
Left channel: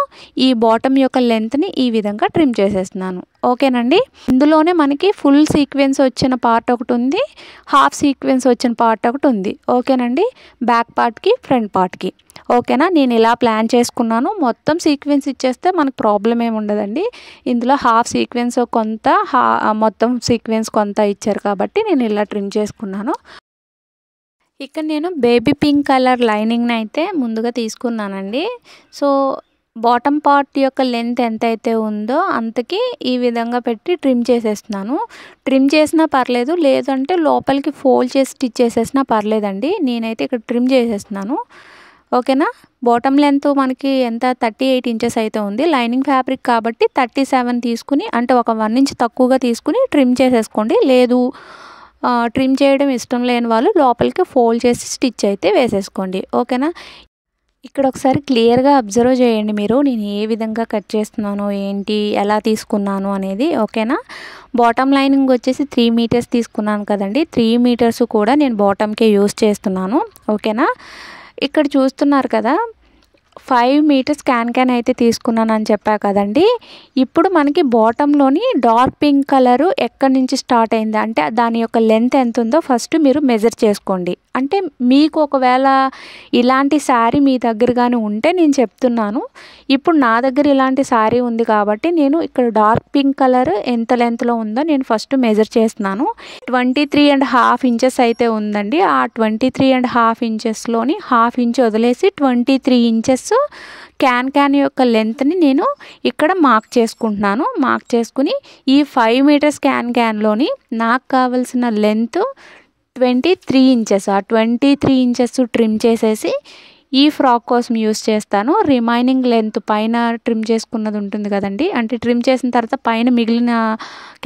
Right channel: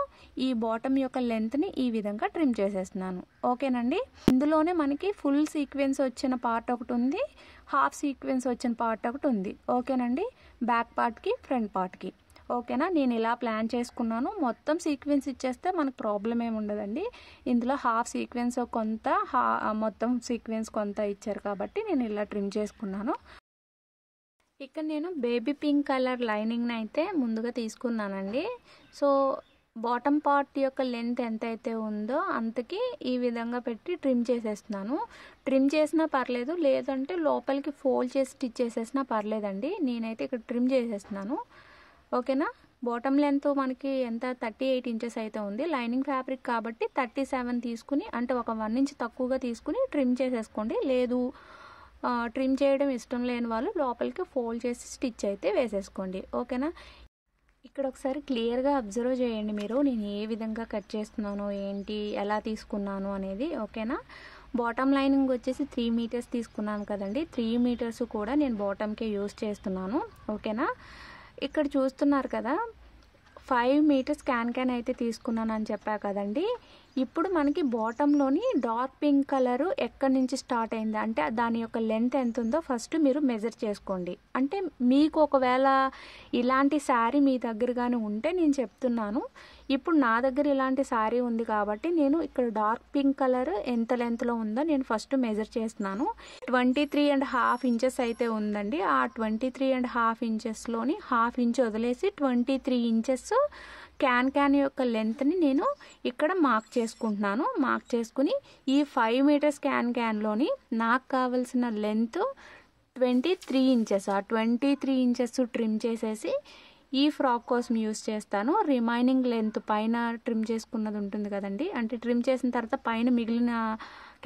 ఈ బాటమ్ యొక్క లెంత్ని ఈ విధంగా ట్రిమ్ చేసేస్తున్నాను. ఓకేనండి. ఇందులోనే మనకి ఫుల్ సీక్వెన్స్ వచ్చిన పార్ట్ ఒకటి ఉంది, హాఫ్ సీక్వెన్స్ వచ్చిన పార్ట్ ఒకటి ఉంది. ఓకేనండి. బ్యాక్ పార్ట్కి ఫ్రంట్ పార్ట్కి. ఓకేనా. నేను ఇలా ప్లాన్ చేసుకున్నాను. మొత్తం సీక్వెన్స్ ఇచ్చేస్తే మనకు ప్రాబ్లం ఏమి ఉండదండి. ఇందులో హాఫ్ సీక్వెన్స్ కొంత, మొత్తం సీక్వెన్స్ కొంత ఇచ్చారు కాబట్టి నేను ఇలా ట్రిమ్ చేసుకున్నాను. ఇక్కడ నేను బేబీ పింక్ కలర్ లైనింగ్ని అయితే ముందుగా తీసుకున్నానండి. సో బాటమ్ పార్ట్ యొక్క లెంత్ ఎంతైతే ఉందో అంతకి ఈ విధంగా పెట్టి ట్రిమ్ చేసేస్తున్నాను. ట్రిమ్ చేసినా పర్లేదు, లేదంటే లోపలికి ఫోల్డ్ చేసి స్టిచ్ చేసేసినా పర్లేదండి. నేనైతే ఇక్కడ ట్రిమ్ చేసేస్తున్నాను. ఓకేనా. బాటమ్ లెంత్ మనకి ఎంత 38 ఇంచెస్ అయితే ఉంది. లైనింగ్ ఫ్యాబ్రిక్ కాబట్టి 37 తీసుకుని, అంటే ఒక 1 ఇంచ్ తక్కువగా తీసుకుని ట్రిమ్ చేసేసుకోండి. లేదు ట్రిమ్ చేయడం ఇష్టం లేని వాళ్ళు లోపలికి ఫోల్డ్ చేసి స్టిచ్ అయితే వేసేసుకోండి. ఓకేనా. ఇక్కడ ఒకసారి క్లియర్గా అబ్జర్వ్ చేయండి మీరు, నేను ఏ విధంగా కట్ చేస్తున్నాను, ఏంటి, ఎలా తీసుకున్నాను అనేది. ఓకేనా. బాటమ్ లైనింగ్ వచ్చేసి 3 మీటర్స్ తీసుకున్నాను కదండి. 3 మీటర్స్ కూడా నేను బాటమ్కే యూస్ చేస్తున్నాను. ఓకేనా. ఇక్కడ చూస్తున్నారు కదా, 5 మీటర్స్ క్యాన్ అయితే తీసుకున్నాను అని చెప్పా కదండి. ఇప్పుడు మనకి బాటంలోని డార్క్ పింక్ కలరు ఎక్కడి నుంచి స్టార్ట్ అయింది అంటే దాని యొక్క లెంత్ ఎంత ఉందో ఫస్ట్ మీరు మెజర్ చేసుకోండి. అంటే మీకు ఒకవేళ ఇలాంటి శారీ మీ దగ్గర కానీ ఉంటే నేను చెప్తున్నాను. ఇప్పుడు నా దగ్గర ఇలాంటి శారీ ఉంది కాబట్టి నేను ఇక్కడ డార్క్ పింక్ కలర్ ఎంత లెంత్లో ఉందో నేను ఫస్ట్ మెజర్ చేస్తున్నాను. 23.5 ఇంచెస్ అయితే ఉందండి. ఆ 23.5 ఇంచెస్లోని హాఫ్ ఇంచ్ వదిలేసి 23 ఇంచెస్ క్యాన్ యొక్క లెంత్ని నేను ఇక్కడ మార్క్ చేసుకుంటున్నాను. మార్క్ చేసుకుని ఈ 5 మీటర్స్ క్యాన్లోని నాకు కావాల్సిన లెంత్ 23 ఇంచెస్. ఆ 23 ఇంచెస్ ట్రిమ్ చేసేసి ఈ ఫ్రాక్ కోసం యూస్ చేస్తాను. రిమైనింగ్ లెంత్ పైన ట్రిమ్ చేసుకున్నది ఉంటుంది కదండి, అంటే ట్రిమ్ చేసిన తర్వాత పైన మిగిలిన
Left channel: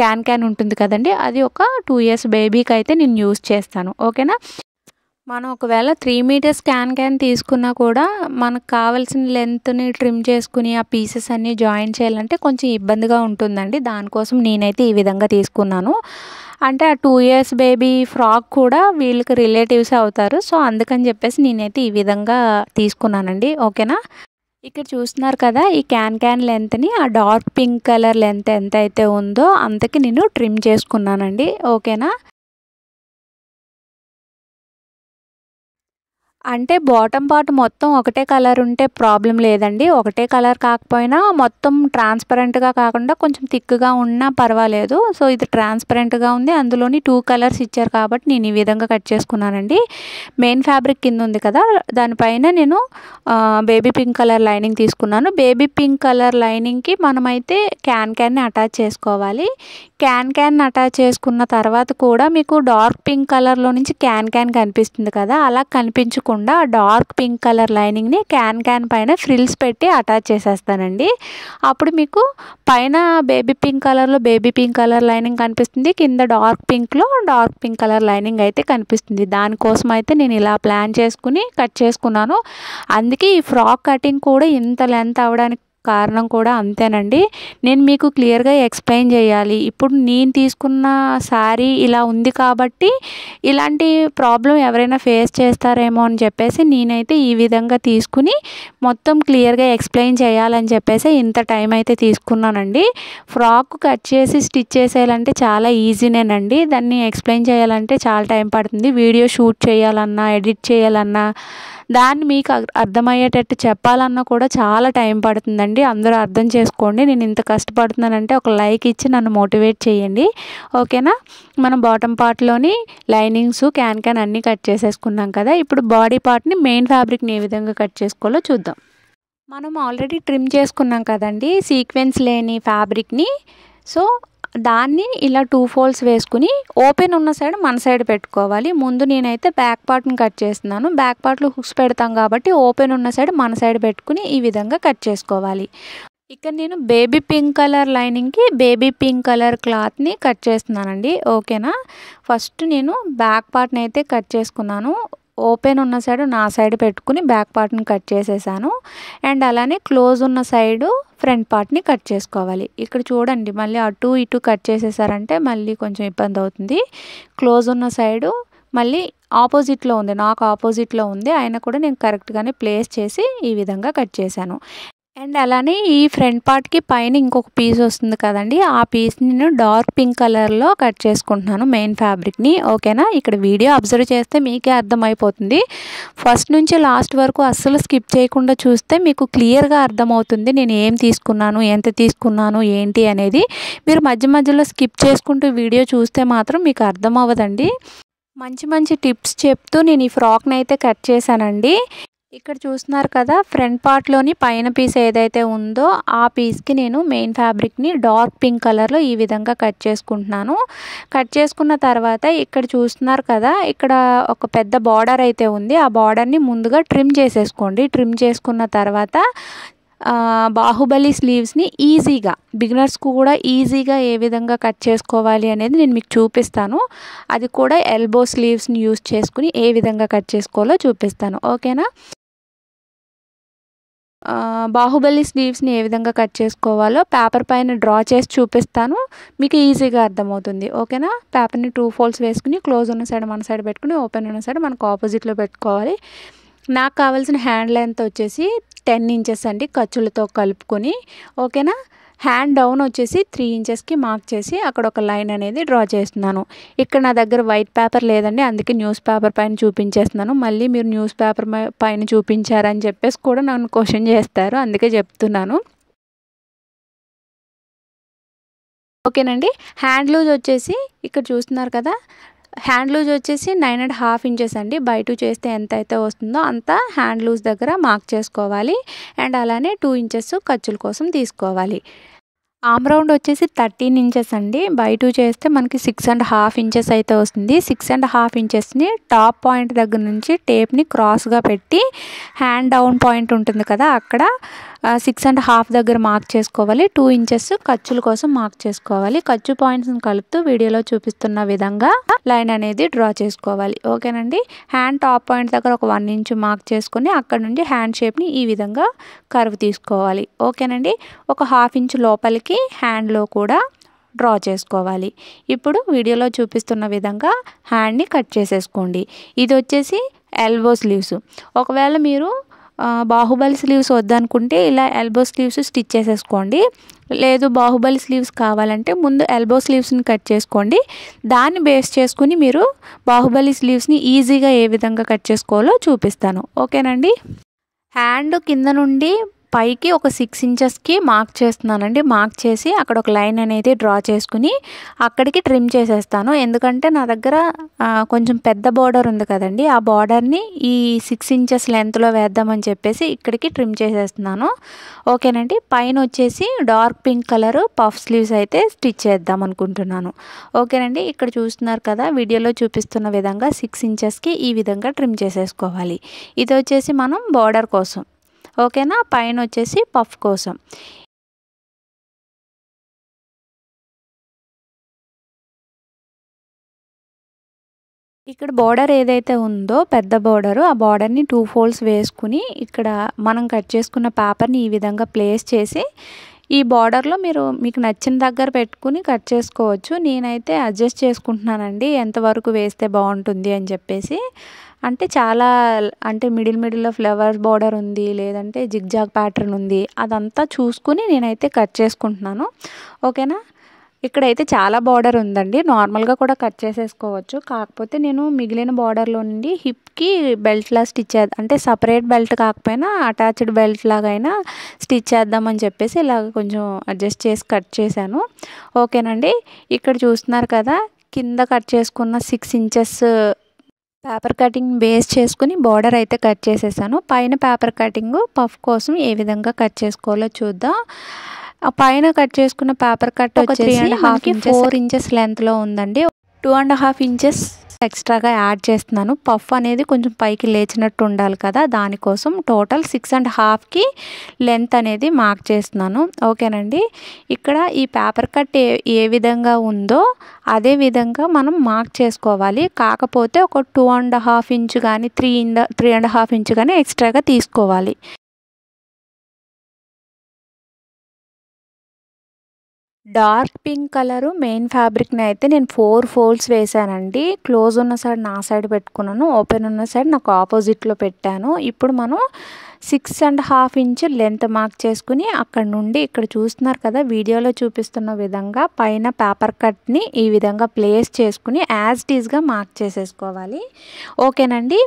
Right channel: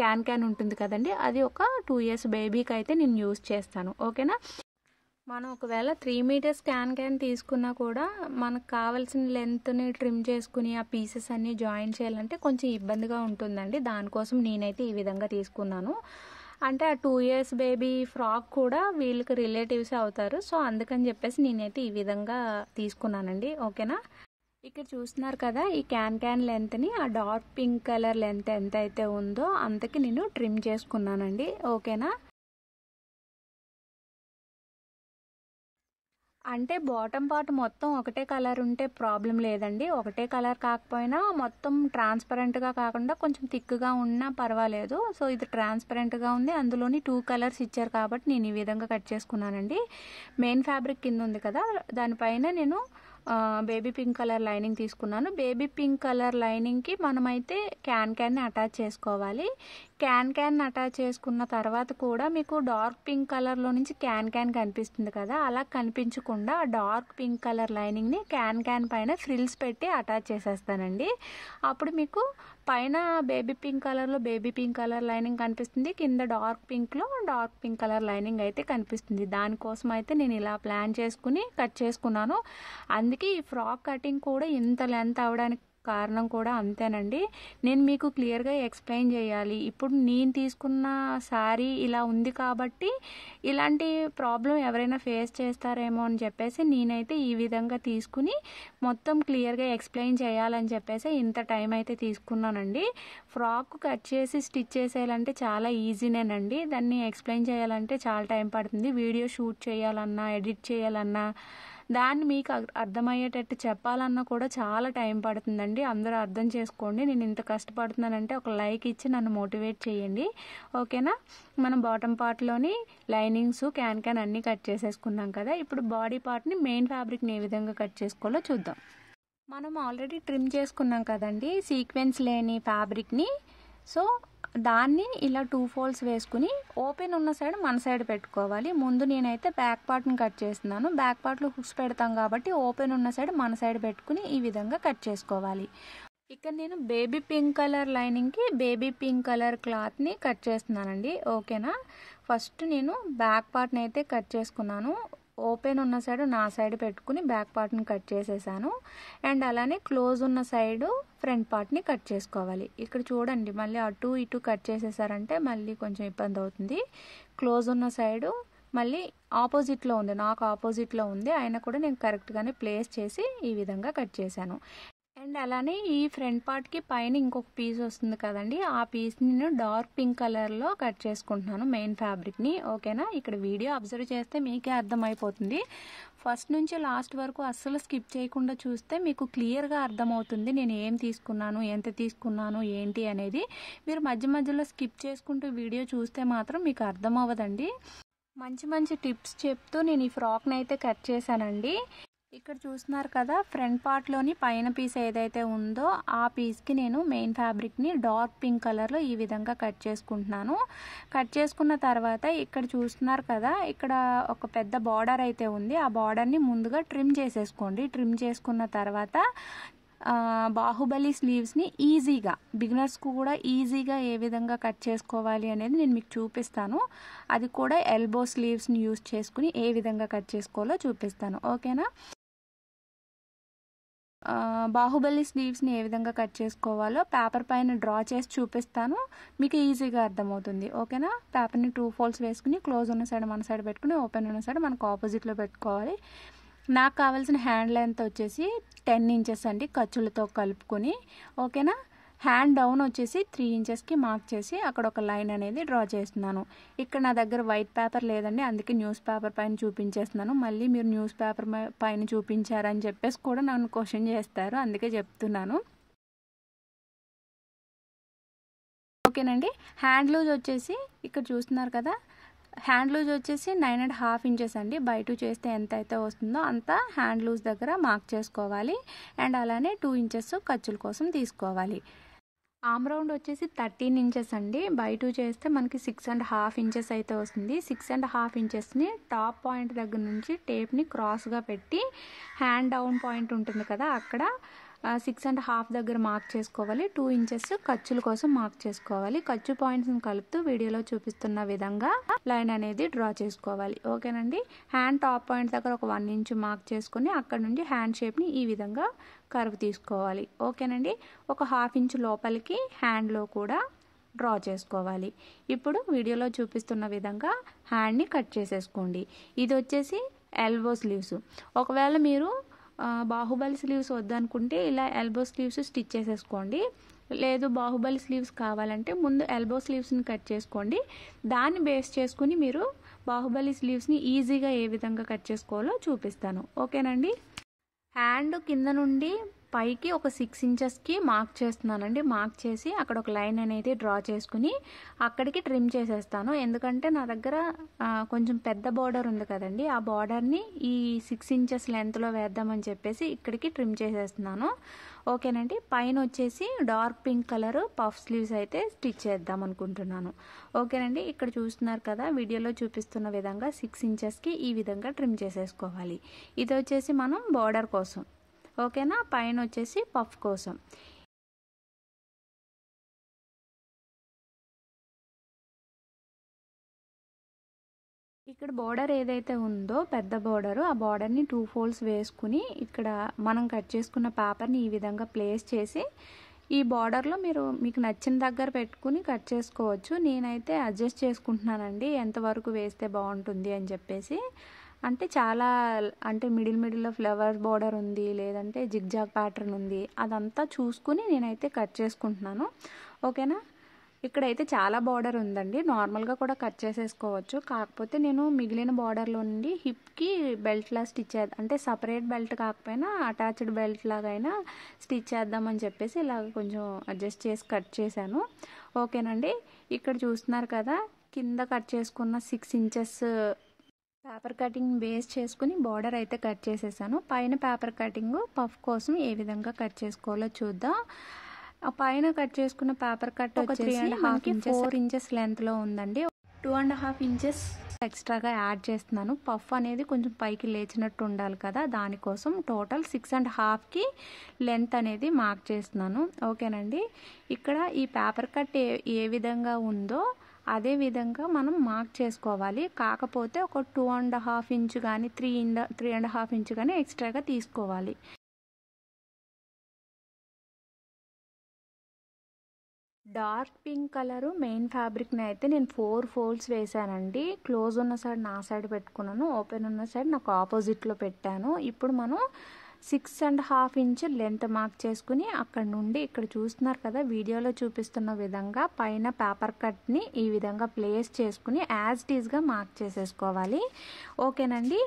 క్యాన్ ఉంటుంది కదండి, అది ఒక 2 ఇయర్స్ బేబీకి అయితే నేను యూస్ చేస్తాను. ఓకేనా. మనం ఒకవేళ 3 మీటర్స్ క్యాన్ తీసుకున్నా కూడా మనకు కావాల్సిన లెంత్ని ట్రిమ్ చేసుకుని ఆ పీసెస్ అన్నీ జాయిన్ చేయాలంటే కొంచెం ఇబ్బందిగా ఉంటుందండి. దానికోసం నేనైతే ఈ విధంగా తీసుకున్నాను. అంటే ఆ 2 ఇయర్స్ బేబీ ఫ్రాక్ కూడా వీళ్ళకి రిలేటివ్స్ అవుతారు. సో అందుకని చెప్పేసి నేనైతే ఈ విధంగా తీసుకున్నానండి. ఓకేనా. ఇక్కడ చూస్తున్నారు కదా, ఈ క్యాన్ లెంత్ని ఆ డార్క్ పింక్ కలర్ లెంత్ ఎంత అయితే ఉందో అంతకి నేను ట్రిమ్ చేసుకున్నానండి. ఓకేనా. అంటే బాటమ్ పార్ట్ మొత్తం ఒకటే కలర్ ఉంటే ప్రాబ్లం లేదండి. ఒకటే కలర్ కాకపోయినా మొత్తం ట్రాన్స్పరెంట్గా కాకుండా కొంచెం థిక్గా ఉన్నా పర్వాలేదు. సో ఇది ట్రాన్స్పరెంట్గా ఉంది, అందులోని 2 కలర్స్ ఇచ్చారు కాబట్టి నేను ఈ విధంగా కట్ చేసుకున్నానండి. మెయిన్ ఫ్యాబ్రిక్ కింద ఉంది కదా, దానిపైన నేను బేబీ పింక్ కలర్ లైనింగ్ తీసుకున్నాను. బేబీ పింక్ కలర్ లైనింగ్కి మనమైతే క్యాన్ని అటాచ్ చేసుకోవాలి. క్యాన్ అటాచ్ చేసుకున్న తర్వాత కూడా మీకు డార్క్ పింక్ కలర్లో నుంచి క్యాన్ కనిపిస్తుంది కదా, అలా కనిపించకుండా డార్క్ పింక్ కలర్ లైనింగ్ని క్యాన్ పైన ఫ్రిల్స్ పెట్టి అటాచ్ చేసేస్తానండి. అప్పుడు మీకు పైన బేబీ పింక్ కలర్లో బేబీ పింక్ కలర్ లైనింగ్ కనిపిస్తుంది, కింద డార్క్ పింక్లో డార్క్ పింక్ కలర్ లైనింగ్ అయితే కనిపిస్తుంది. దానికోసం అయితే నేను ఇలా ప్లాన్ చేసుకుని కట్ చేసుకున్నాను. అందుకే ఈ ఫ్రాక్ కటింగ్ కూడా ఇంత లెంత్ అవ్వడానికి కారణం కూడా అంతేనండి. నేను మీకు క్లియర్గా ఎక్స్ప్లెయిన్ చేయాలి. ఇప్పుడు నేను తీసుకున్న శారీ ఇలా ఉంది కాబట్టి ఇలాంటి ప్రాబ్లం ఎవరైనా ఫేస్ చేస్తారేమో అని చెప్పేసి నేనైతే ఈ విధంగా తీసుకుని మొత్తం క్లియర్గా ఎక్స్ప్లెయిన్ చేయాలని చెప్పేసి ఇంత టైం అయితే తీసుకున్నానండి. ఫ్రాక్ కట్ చేసి స్టిచ్ చేసేయాలంటే చాలా ఈజీనేనండి. దాన్ని ఎక్స్ప్లెయిన్ చేయాలంటే చాలా టైం పడుతుంది. వీడియో షూట్ చేయాలన్నా, ఎడిట్ చేయాలన్నా దాన్ని మీకు అర్థమయ్యేటట్టు చెప్పాలన్నా కూడా చాలా టైం పడుతుందండి. అందరూ అర్థం చేసుకోండి. నేను ఇంత కష్టపడుతున్నానంటే ఒక లైక్ ఇచ్చి నన్ను మోటివేట్ చేయండి. ఓకేనా? మనం బాటమ్ పార్ట్లోని లైనింగ్స్ క్యాన్ అన్నీ కట్ చేసేసుకున్నాం కదా. ఇప్పుడు బాడీ పార్ట్ని మెయిన్ ఫ్యాబ్రిక్ని ఏ విధంగా కట్ చేసుకోవాలో చూద్దాం. మనం ఆల్రెడీ ట్రిమ్ చేసుకున్నాం కదండి సీక్వెన్స్ లేని ఫ్యాబ్రిక్ని. సో దాన్ని ఇలా 2 ఫోల్డ్స్ వేసుకుని ఓపెన్ ఉన్న సైడ్ మన సైడ్ పెట్టుకోవాలి. ముందు నేనైతే బ్యాక్ పార్ట్ని కట్ చేస్తున్నాను. బ్యాక్ పార్ట్లో హుక్స్ పెడతాం కాబట్టి ఓపెన్ ఉన్న సైడ్ మన సైడ్ పెట్టుకుని ఈ విధంగా కట్ చేసుకోవాలి. ఇక్కడ నేను బేబీ పింక్ కలర్ లైనింగ్కి బేబీ పింక్ కలర్ క్లాత్ని కట్ చేస్తున్నానండి. ఓకేనా? ఫస్ట్ నేను బ్యాక్ పార్ట్ని అయితే కట్ చేసుకున్నాను. ఓపెన్ ఉన్న సైడ్ నా సైడ్ పెట్టుకుని బ్యాక్ పార్ట్ని కట్ చేసేసాను. అండ్ అలానే క్లోజ్ ఉన్న సైడు ఫ్రంట్ పార్ట్ని కట్ చేసుకోవాలి. ఇక్కడ చూడండి మళ్ళీ అటు ఇటు కట్ చేసేసారంటే మళ్ళీ కొంచెం ఇబ్బంది అవుతుంది. క్లోజ్ ఉన్న సైడు మళ్ళీ ఆపోజిట్లో ఉంది, నాకు ఆపోజిట్లో ఉంది. అయినా కూడా నేను కరెక్ట్గానే ప్లేస్ చేసి ఈ విధంగా కట్ చేశాను. అండ్ అలానే ఈ ఫ్రంట్ పార్ట్కి పైన ఇంకొక పీస్ వస్తుంది కదండి, ఆ పీస్ని నేను డార్క్ పింక్ కలర్లో కట్ చేసుకుంటున్నాను మెయిన్ ఫ్యాబ్రిక్ని. ఓకేనా? ఇక్కడ వీడియో అబ్జర్వ్ చేస్తే మీకే అర్థమైపోతుంది. ఫస్ట్ నుంచి లాస్ట్ వరకు అస్సలు స్కిప్ చేయకుండా చూస్తే మీకు క్లియర్గా అర్థమవుతుంది నేను ఏం తీసుకున్నాను, ఎంత తీసుకున్నాను, ఏంటి అనేది. మీరు మధ్య మధ్యలో స్కిప్ చేసుకుంటూ వీడియో చూస్తే మాత్రం మీకు అర్థం అవ్వదండి. మంచి మంచి టిప్స్ చెప్తూ నేను ఈ ఫ్రాక్ని అయితే కట్ చేశానండి. ఇక్కడ చూస్తున్నారు కదా, ఫ్రంట్ పార్ట్లోని పైన పీస్ ఏదైతే ఉందో ఆ పీస్కి నేను మెయిన్ ఫ్యాబ్రిక్ని డార్క్ పింక్ కలర్లో ఈ విధంగా కట్ చేసుకుంటున్నాను. కట్ చేసుకున్న తర్వాత ఇక్కడ చూస్తున్నారు కదా, ఇక్కడ ఒక పెద్ద బార్డర్ అయితే ఉంది. ఆ బార్డర్ని ముందుగా ట్రిమ్ చేసేసుకోండి. ట్రిమ్ చేసుకున్న తర్వాత బాహుబలి స్లీవ్స్ని ఈజీగా బిగినర్స్కు కూడా ఈజీగా ఏ విధంగా కట్ చేసుకోవాలి అనేది నేను మీకు చూపిస్తాను. అది కూడా ఎల్బో స్లీవ్స్ని యూస్ చేసుకుని ఏ విధంగా కట్ చేసుకోవాలో చూపిస్తాను. ఓకేనా? బాహుబలి స్లీవ్స్ని ఏ విధంగా కట్ చేసుకోవాలో పేపర్ పైన డ్రా చేసి చూపిస్తాను, మీకు ఈజీగా అర్థమవుతుంది. ఓకేనా? పేపర్ని 2 ఫోల్డ్స్ వేసుకుని క్లోజ్ ఉన్న సైడ్ మన సైడ్ పెట్టుకుని ఓపెన్ ఉన్న సైడ్ మనకు ఆపోజిట్లో పెట్టుకోవాలి. నాకు కావాల్సిన హ్యాండ్ లెంత్ వచ్చేసి 10 ఇంచెస్ అండి, ఖర్చులతో కలుపుకొని. ఓకేనా? హ్యాండ్ డౌన్ వచ్చేసి 3 ఇంచెస్కి మార్క్ చేసి అక్కడ ఒక లైన్ అనేది డ్రా చేస్తున్నాను. ఇక్కడ నా దగ్గర వైట్ పేపర్ లేదండి, అందుకే న్యూస్ పేపర్ పైన చూపించేస్తున్నాను. మళ్ళీ మీరు న్యూస్ పేపర్ పైన చూపించారని చెప్పేసి కూడా నన్ను క్వశ్చన్ చేస్తారు, అందుకే చెప్తున్నాను. ఓకేనండి? హ్యాండ్ లూజ్ వచ్చేసి ఇక్కడ చూస్తున్నారు కదా, హ్యాండ్ లూజ్ వచ్చేసి 9.5 ఇంచెస్ అండి. బై 2 చేస్తే ఎంత అయితే వస్తుందో అంత హ్యాండ్ లూజ్ దగ్గర మార్క్ చేసుకోవాలి. అండ్ అలానే 2 ఇంచెస్ ఖర్చుల కోసం తీసుకోవాలి. ఆమ్ రౌండ్ వచ్చేసి 13 ఇంచెస్ అండి. బై 2 చేస్తే మనకి 6.5 ఇంచెస్ అయితే వస్తుంది. 6.5 ఇంచెస్ని టాప్ పాయింట్ దగ్గర నుంచి టేప్ని క్రాస్గా పెట్టి హ్యాండ్ డౌన్ పాయింట్ ఉంటుంది కదా, అక్కడ 6.5 దగ్గర మార్క్ చేసుకోవాలి. 2 ఇంచెస్ ఖర్చుల కోసం మార్క్ చేసుకోవాలి. ఖర్చు పాయింట్స్ని కలుపుతూ వీడియోలో చూపిస్తున్న విధంగా లైన్ అనేది డ్రా చేసుకోవాలి. ఓకేనండి? హ్యాండ్ టాప్ పాయింట్ దగ్గర ఒక 1 ఇంచ్ మార్క్ చేసుకుని అక్కడ నుండి హ్యాండ్ షేప్ని ఈ విధంగా కర్వ్ తీసుకోవాలి. ఓకేనండి? ఒక 1/2 ఇంచ్ లోపలికి హ్యాండ్లో కూడా డ్రా చేసుకోవాలి. ఇప్పుడు వీడియోలో చూపిస్తున్న విధంగా హ్యాండ్ని కట్ చేసేసుకోండి. ఇది వచ్చేసి ఎల్బో స్లీవ్స్. ఒకవేళ మీరు బాహుబలి స్లీవ్స్ వద్దనుకుంటే ఇలా ఎల్బో స్లీవ్స్ స్టిచ్ చేసేసుకోండి. లేదు బాహుబలి స్లీవ్స్ కావాలంటే ముందు ఎల్బో స్లీవ్స్ని కట్ చేసుకోండి. దాన్ని బేస్ చేసుకుని మీరు బాహుబలి స్లీవ్స్ని ఈజీగా ఏ విధంగా కట్ చేసుకోవాలో చూపిస్తాను. ఓకేనండి? హ్యాండ్ కింద నుండి పైకి ఒక 6 ఇంచెస్కి మార్క్ చేస్తున్నానండి. మార్క్ చేసి అక్కడ ఒక లైన్ అనేది డ్రా చేసుకుని అక్కడికి ట్రిమ్ చేసేస్తాను. ఎందుకంటే నా దగ్గర కొంచెం పెద్ద బార్డర్ ఉంది కదండి, ఆ బార్డర్ని ఈ 6 ఇంచెస్ లెంత్లో వేద్దామని చెప్పేసి ఇక్కడికి ట్రిమ్ చేసేస్తున్నాను. ఓకేనండి? పైన వచ్చేసి dark pink colour puff sleeves అయితే స్టిచ్ చేద్దాం అనుకుంటున్నాను. ఓకేనండి? ఇక్కడ చూస్తున్నారు కదా, వీడియోలో చూపిస్తున్న విధంగా 6 ఇంచెస్కి ఈ విధంగా ట్రిమ్ చేసేసుకోవాలి. ఇది వచ్చేసి మనం బార్డర్ కోసం. ఓకేనా? పైన వచ్చేసి పఫ్ కోసం. ఇక్కడ బార్డర్ ఏదైతే ఉందో పెద్ద బార్డరు, ఆ బార్డర్ని 2 ఫోల్డ్స్ వేసుకుని ఇక్కడ మనం కట్ చేసుకున్న పేపర్ని ఈ విధంగా ప్లేస్ చేసి ఈ బార్డర్లో మీకు నచ్చిన దగ్గర పెట్టుకుని కట్ చేసుకోవచ్చు. నేనైతే అడ్జస్ట్ చేసుకుంటున్నానండి ఎంతవరకు వేస్తే బాగుంటుంది అని చెప్పేసి. అంటే చాలా అంటే మిడిల్లో ఫ్లవర్ బార్డర్ ఉంది, లేదంటే జిగ్జాగ్ ప్యాటర్న్ ఉంది, అదంతా చూసుకుని నేనైతే కట్ చేసుకుంటున్నాను. ఓకేనా? ఇక్కడైతే చాలా బార్డర్ ఉందండి, నార్మల్గా కూడా కట్ చేసేసుకోవచ్చు. కాకపోతే నేను మిగిలిన బార్డర్లో నుండి హిప్కి బెల్ట్లా స్టిచ్ చేద్దాం, అంటే సపరేట్ బెల్ట్ కాకపోయినా అటాచ్డ్ బెల్ట్ లాగా అయినా స్టిచ్ చేద్దామని చెప్పేసి ఇలాగ కొంచెం అడ్జస్ట్ చేసి కట్ చేశాను. ఓకేనండి, ఇక్కడ చూస్తున్నారు కదా, కింద కట్ చేసుకున్న 6 ఇంచెస్ పేపర్ కటింగ్ బేస్ చేసుకుని బార్డర్ అయితే కట్ చేసేసాను. పైన పేపర్ కటింగ్ పఫ్ కోసం ఏ విధంగా కట్ చేసుకోవాలో చూద్దాం. పైన కట్ చేసుకున్న పేపర్ కట్ ఒక 3.5 ఇంచెస్ 4 ఇంచెస్ లెంత్లో ఉందండి. 2.5 ఇంచెస్ ఎక్స్ట్రాగా యాడ్ చేస్తున్నాను. పఫ్ అనేది కొంచెం పైకి లేచినట్టు ఉండాలి కదా, దానికోసం టోటల్ 6.5కి లెంత్ అనేది మార్క్ చేస్తున్నాను. ఓకేనండి, ఇక్కడ ఈ పేపర్ కట్ ఏ విధంగా ఉందో అదే విధంగా మనం మార్క్ చేసుకోవాలి. కాకపోతే ఒక 2.5 ఇంచ్ కానీ 3.5 ఇంచ్ కానీ ఎక్స్ట్రాగా తీసుకోవాలి. డార్క్ పింక్ కలరు మెయిన్ ఫ్యాబ్రిక్ని అయితే నేను 4 ఫోల్డ్స్ వేసానండి. క్లోజ్ ఉన్న సైడ్ నా సైడ్ పెట్టుకున్నాను, ఓపెన్ ఉన్న సైడ్ నాకు ఆపోజిట్లో పెట్టాను. ఇప్పుడు మనం 6.5 ఇంచ్ లెంత్ మార్క్ చేసుకుని అక్కడ నుండి ఇక్కడ చూస్తున్నారు కదా, వీడియోలో చూపిస్తున్న విధంగా పైన పేపర్ కట్ని ఈ విధంగా ప్లేస్ చేసుకుని యాజ్ ఇట్ ఈస్గా మార్క్ చేసేసుకోవాలి. ఓకేనండి,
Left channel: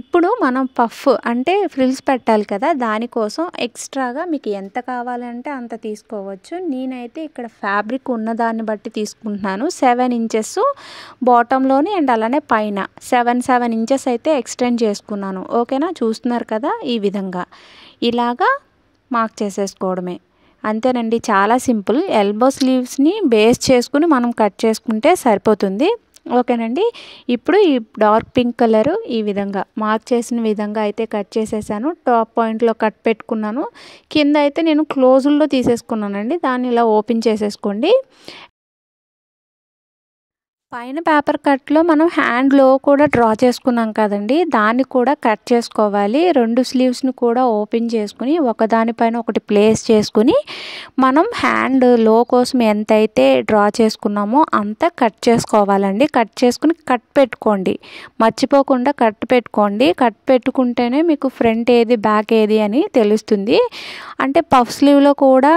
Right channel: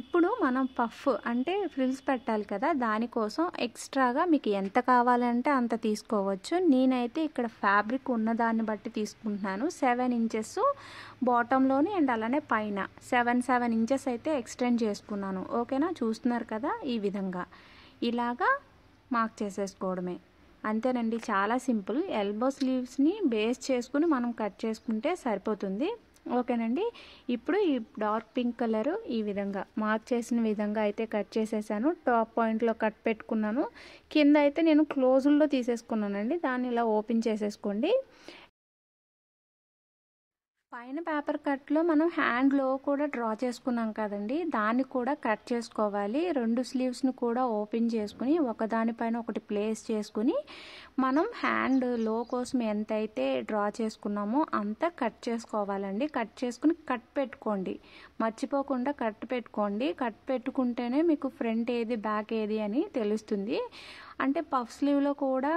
ఇప్పుడు మనం పఫ్ అంటే ఫ్రిల్స్ పెట్టాలి కదా, దానికోసం ఎక్స్ట్రాగా మీకు ఎంత కావాలంటే అంత తీసుకోవచ్చు. నేనైతే ఇక్కడ ఫ్యాబ్రిక్ ఉన్నదాన్ని బట్టి తీసుకుంటున్నాను. 7 ఇంచెస్ బాటంలోని అండ్ అలానే పైన 7 ఇంచెస్ అయితే ఎక్స్టెండ్ చేసుకున్నాను. ఓకేనా, చూస్తున్నారు కదా, ఈ విధంగా ఇలాగా మార్క్ చేసేసుకోవడమే. అంతేనండి, చాలా సింపుల్. ఎల్బో స్లీవ్స్ని బేస్ చేసుకుని మనం కట్ చేసుకుంటే సరిపోతుంది. ఓకేనండి, ఇప్పుడు ఈ డార్క్ పింక్ కలరు ఈ విధంగా మార్క్ చేసిన విధంగా అయితే కట్ చేసేసాను. టాప్ పాయింట్లో కట్ పెట్టుకున్నాను. కింద అయితే నేను క్లోజుల్లో తీసేసుకున్నానండి, దాన్ని ఇలా ఓపెన్ చేసేసుకోండి. పైన పేపర్ కట్లో మనం హ్యాండ్లో కూడా డ్రా చేసుకున్నాం కదండి, దాన్ని కూడా కట్ చేసుకోవాలి. 2 స్లీవ్స్ని కూడా ఓపెన్ చేసుకుని ఒకదానిపైన ఒకటి ప్లేస్ చేసుకుని మనం హ్యాండ్ లో కోసం ఎంతైతే డ్రా చేసుకున్నామో అంత కట్ చేసుకోవాలండి. కట్ చేసుకుని కట్ పెట్టుకోండి, మర్చిపోకుండా కట్ పెట్టుకోండి. కట్ పెట్టుకుంటేనే మీకు ఫ్రంట్ ఏది బ్యాక్ ఏది అని తెలుస్తుంది. అంటే పఫ్ స్లీవ్లో కూడా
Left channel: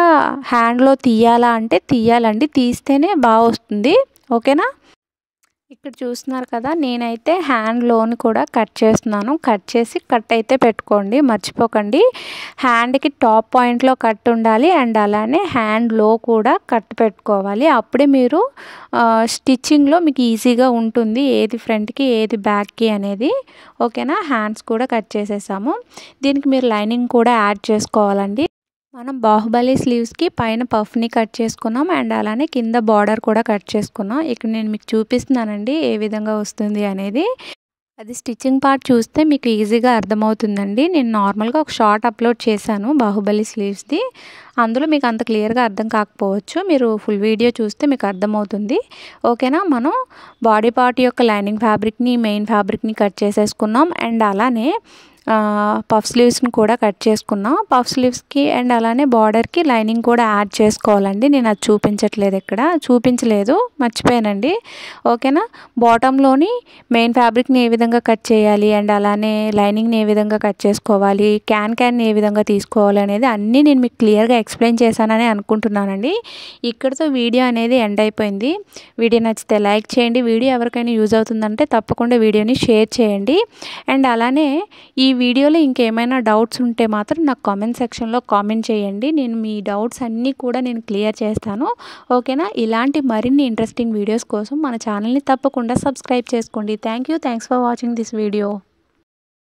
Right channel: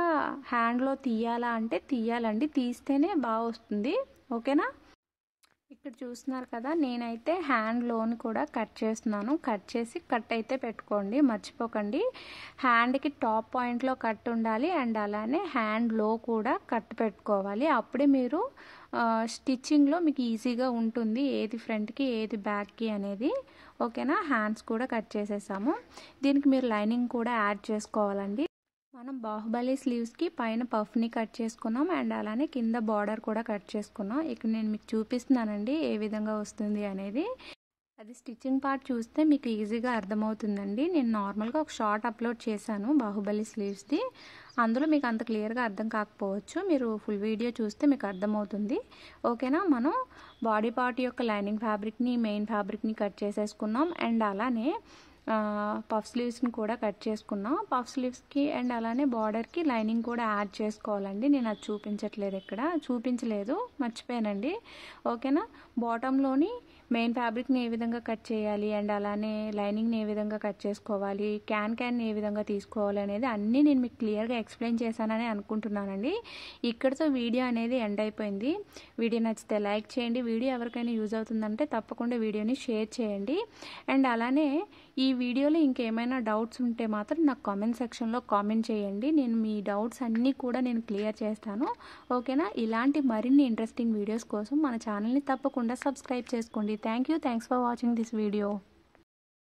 హ్యాండ్లో తీయాలా అంటే తీయాలండి, తీస్తేనే బాగా వస్తుంది. ఓకేనా, ఇక్కడ చూస్తున్నారు కదా, నేనైతే హ్యాండ్లోని కూడా కట్ చేస్తున్నాను. కట్ చేసి కట్ అయితే పెట్టుకోండి, మర్చిపోకండి. హ్యాండ్కి టాప్ పాయింట్లో కట్ ఉండాలి అండ్ అలానే హ్యాండ్లో కూడా కట్ పెట్టుకోవాలి. అప్పుడే మీరు స్టిచ్చింగ్లో మీకు ఈజీగా ఉంటుంది, ఏది ఫ్రంట్కి ఏది బ్యాక్కి అనేది. ఓకేనా, హ్యాండ్స్ కూడా కట్ చేసేసాము. దీనికి మీరు లైనింగ్ కూడా యాడ్ చేసుకోవాలండి. మనం బాహుబలి స్లీవ్స్కి పైన పఫ్ని కట్ చేసుకున్నాం అండ్ అలానే కింద బార్డర్ కూడా కట్ చేసుకున్నాం. ఇక్కడ నేను మీకు చూపిస్తున్నానండి ఏ విధంగా వస్తుంది అనేది. అది స్టిచ్చింగ్ పార్ట్ చూస్తే మీకు ఈజీగా అర్థమవుతుందండి. నేను నార్మల్గా ఒక షార్ట్ అప్లోడ్ చేశాను బాహుబలి స్లీవ్స్ది, అందులో మీకు అంత క్లియర్గా అర్థం కాకపోవచ్చు. మీరు ఫుల్ వీడియో చూస్తే మీకు అర్థమవుతుంది. ఓకేనా, మనం బాడీ పార్ట్ యొక్క లైనింగ్ ఫ్యాబ్రిక్ని మెయిన్ ఫ్యాబ్రిక్ని కట్ చేసేసుకున్నాం అండ్ అలానే పఫ్ స్లీవ్స్ని కూడా కట్ చేసుకున్నాం. పఫ్ స్లీవ్స్కి అండ్ అలానే బార్డర్కి లైనింగ్ కూడా యాడ్ చేసుకోవాలండి. నేను అది చూపించలేదు, మర్చిపోయానండి. ఓకేనా, బాటంలోని మెయిన్ ఫ్యాబ్రిక్ని ఏ విధంగా కట్ చేయాలి అండ్ అలానే లైనింగ్ని ఏ విధంగా కట్ చేసుకోవాలి, క్యాన్ని ఏ విధంగా తీసుకోవాలి అనేది అన్నీ నేను మీకు క్లియర్గా ఎక్స్ప్లెయిన్ చేశానని అనుకుంటున్నానండి. ఇక్కడితో వీడియో అనేది ఎండ్ అయిపోయింది. వీడియో నచ్చితే లైక్ చేయండి. వీడియో ఎవరికైనా యూజ్ అవుతుందంటే తప్పకుండా వీడియోని షేర్ చేయండి. అండ్ అలానే ఈ వీడియోలో ఇంకేమైనా డౌట్స్ ఉంటే మాత్రం నాకు కామెంట్ సెక్షన్లో కామెంట్ చేయండి. నేను మీ డౌట్స్ అన్నీ కూడా నేను క్లియర్ చేస్తాను. ఓకేనా, ఇలాంటి మరిన్ని ఇంట్రెస్టింగ్ వీడియోస్ కోసం మన ఛానల్ని తప్పకుండా సబ్స్క్రైబ్ చేసుకోండి. Thanks for watching this video.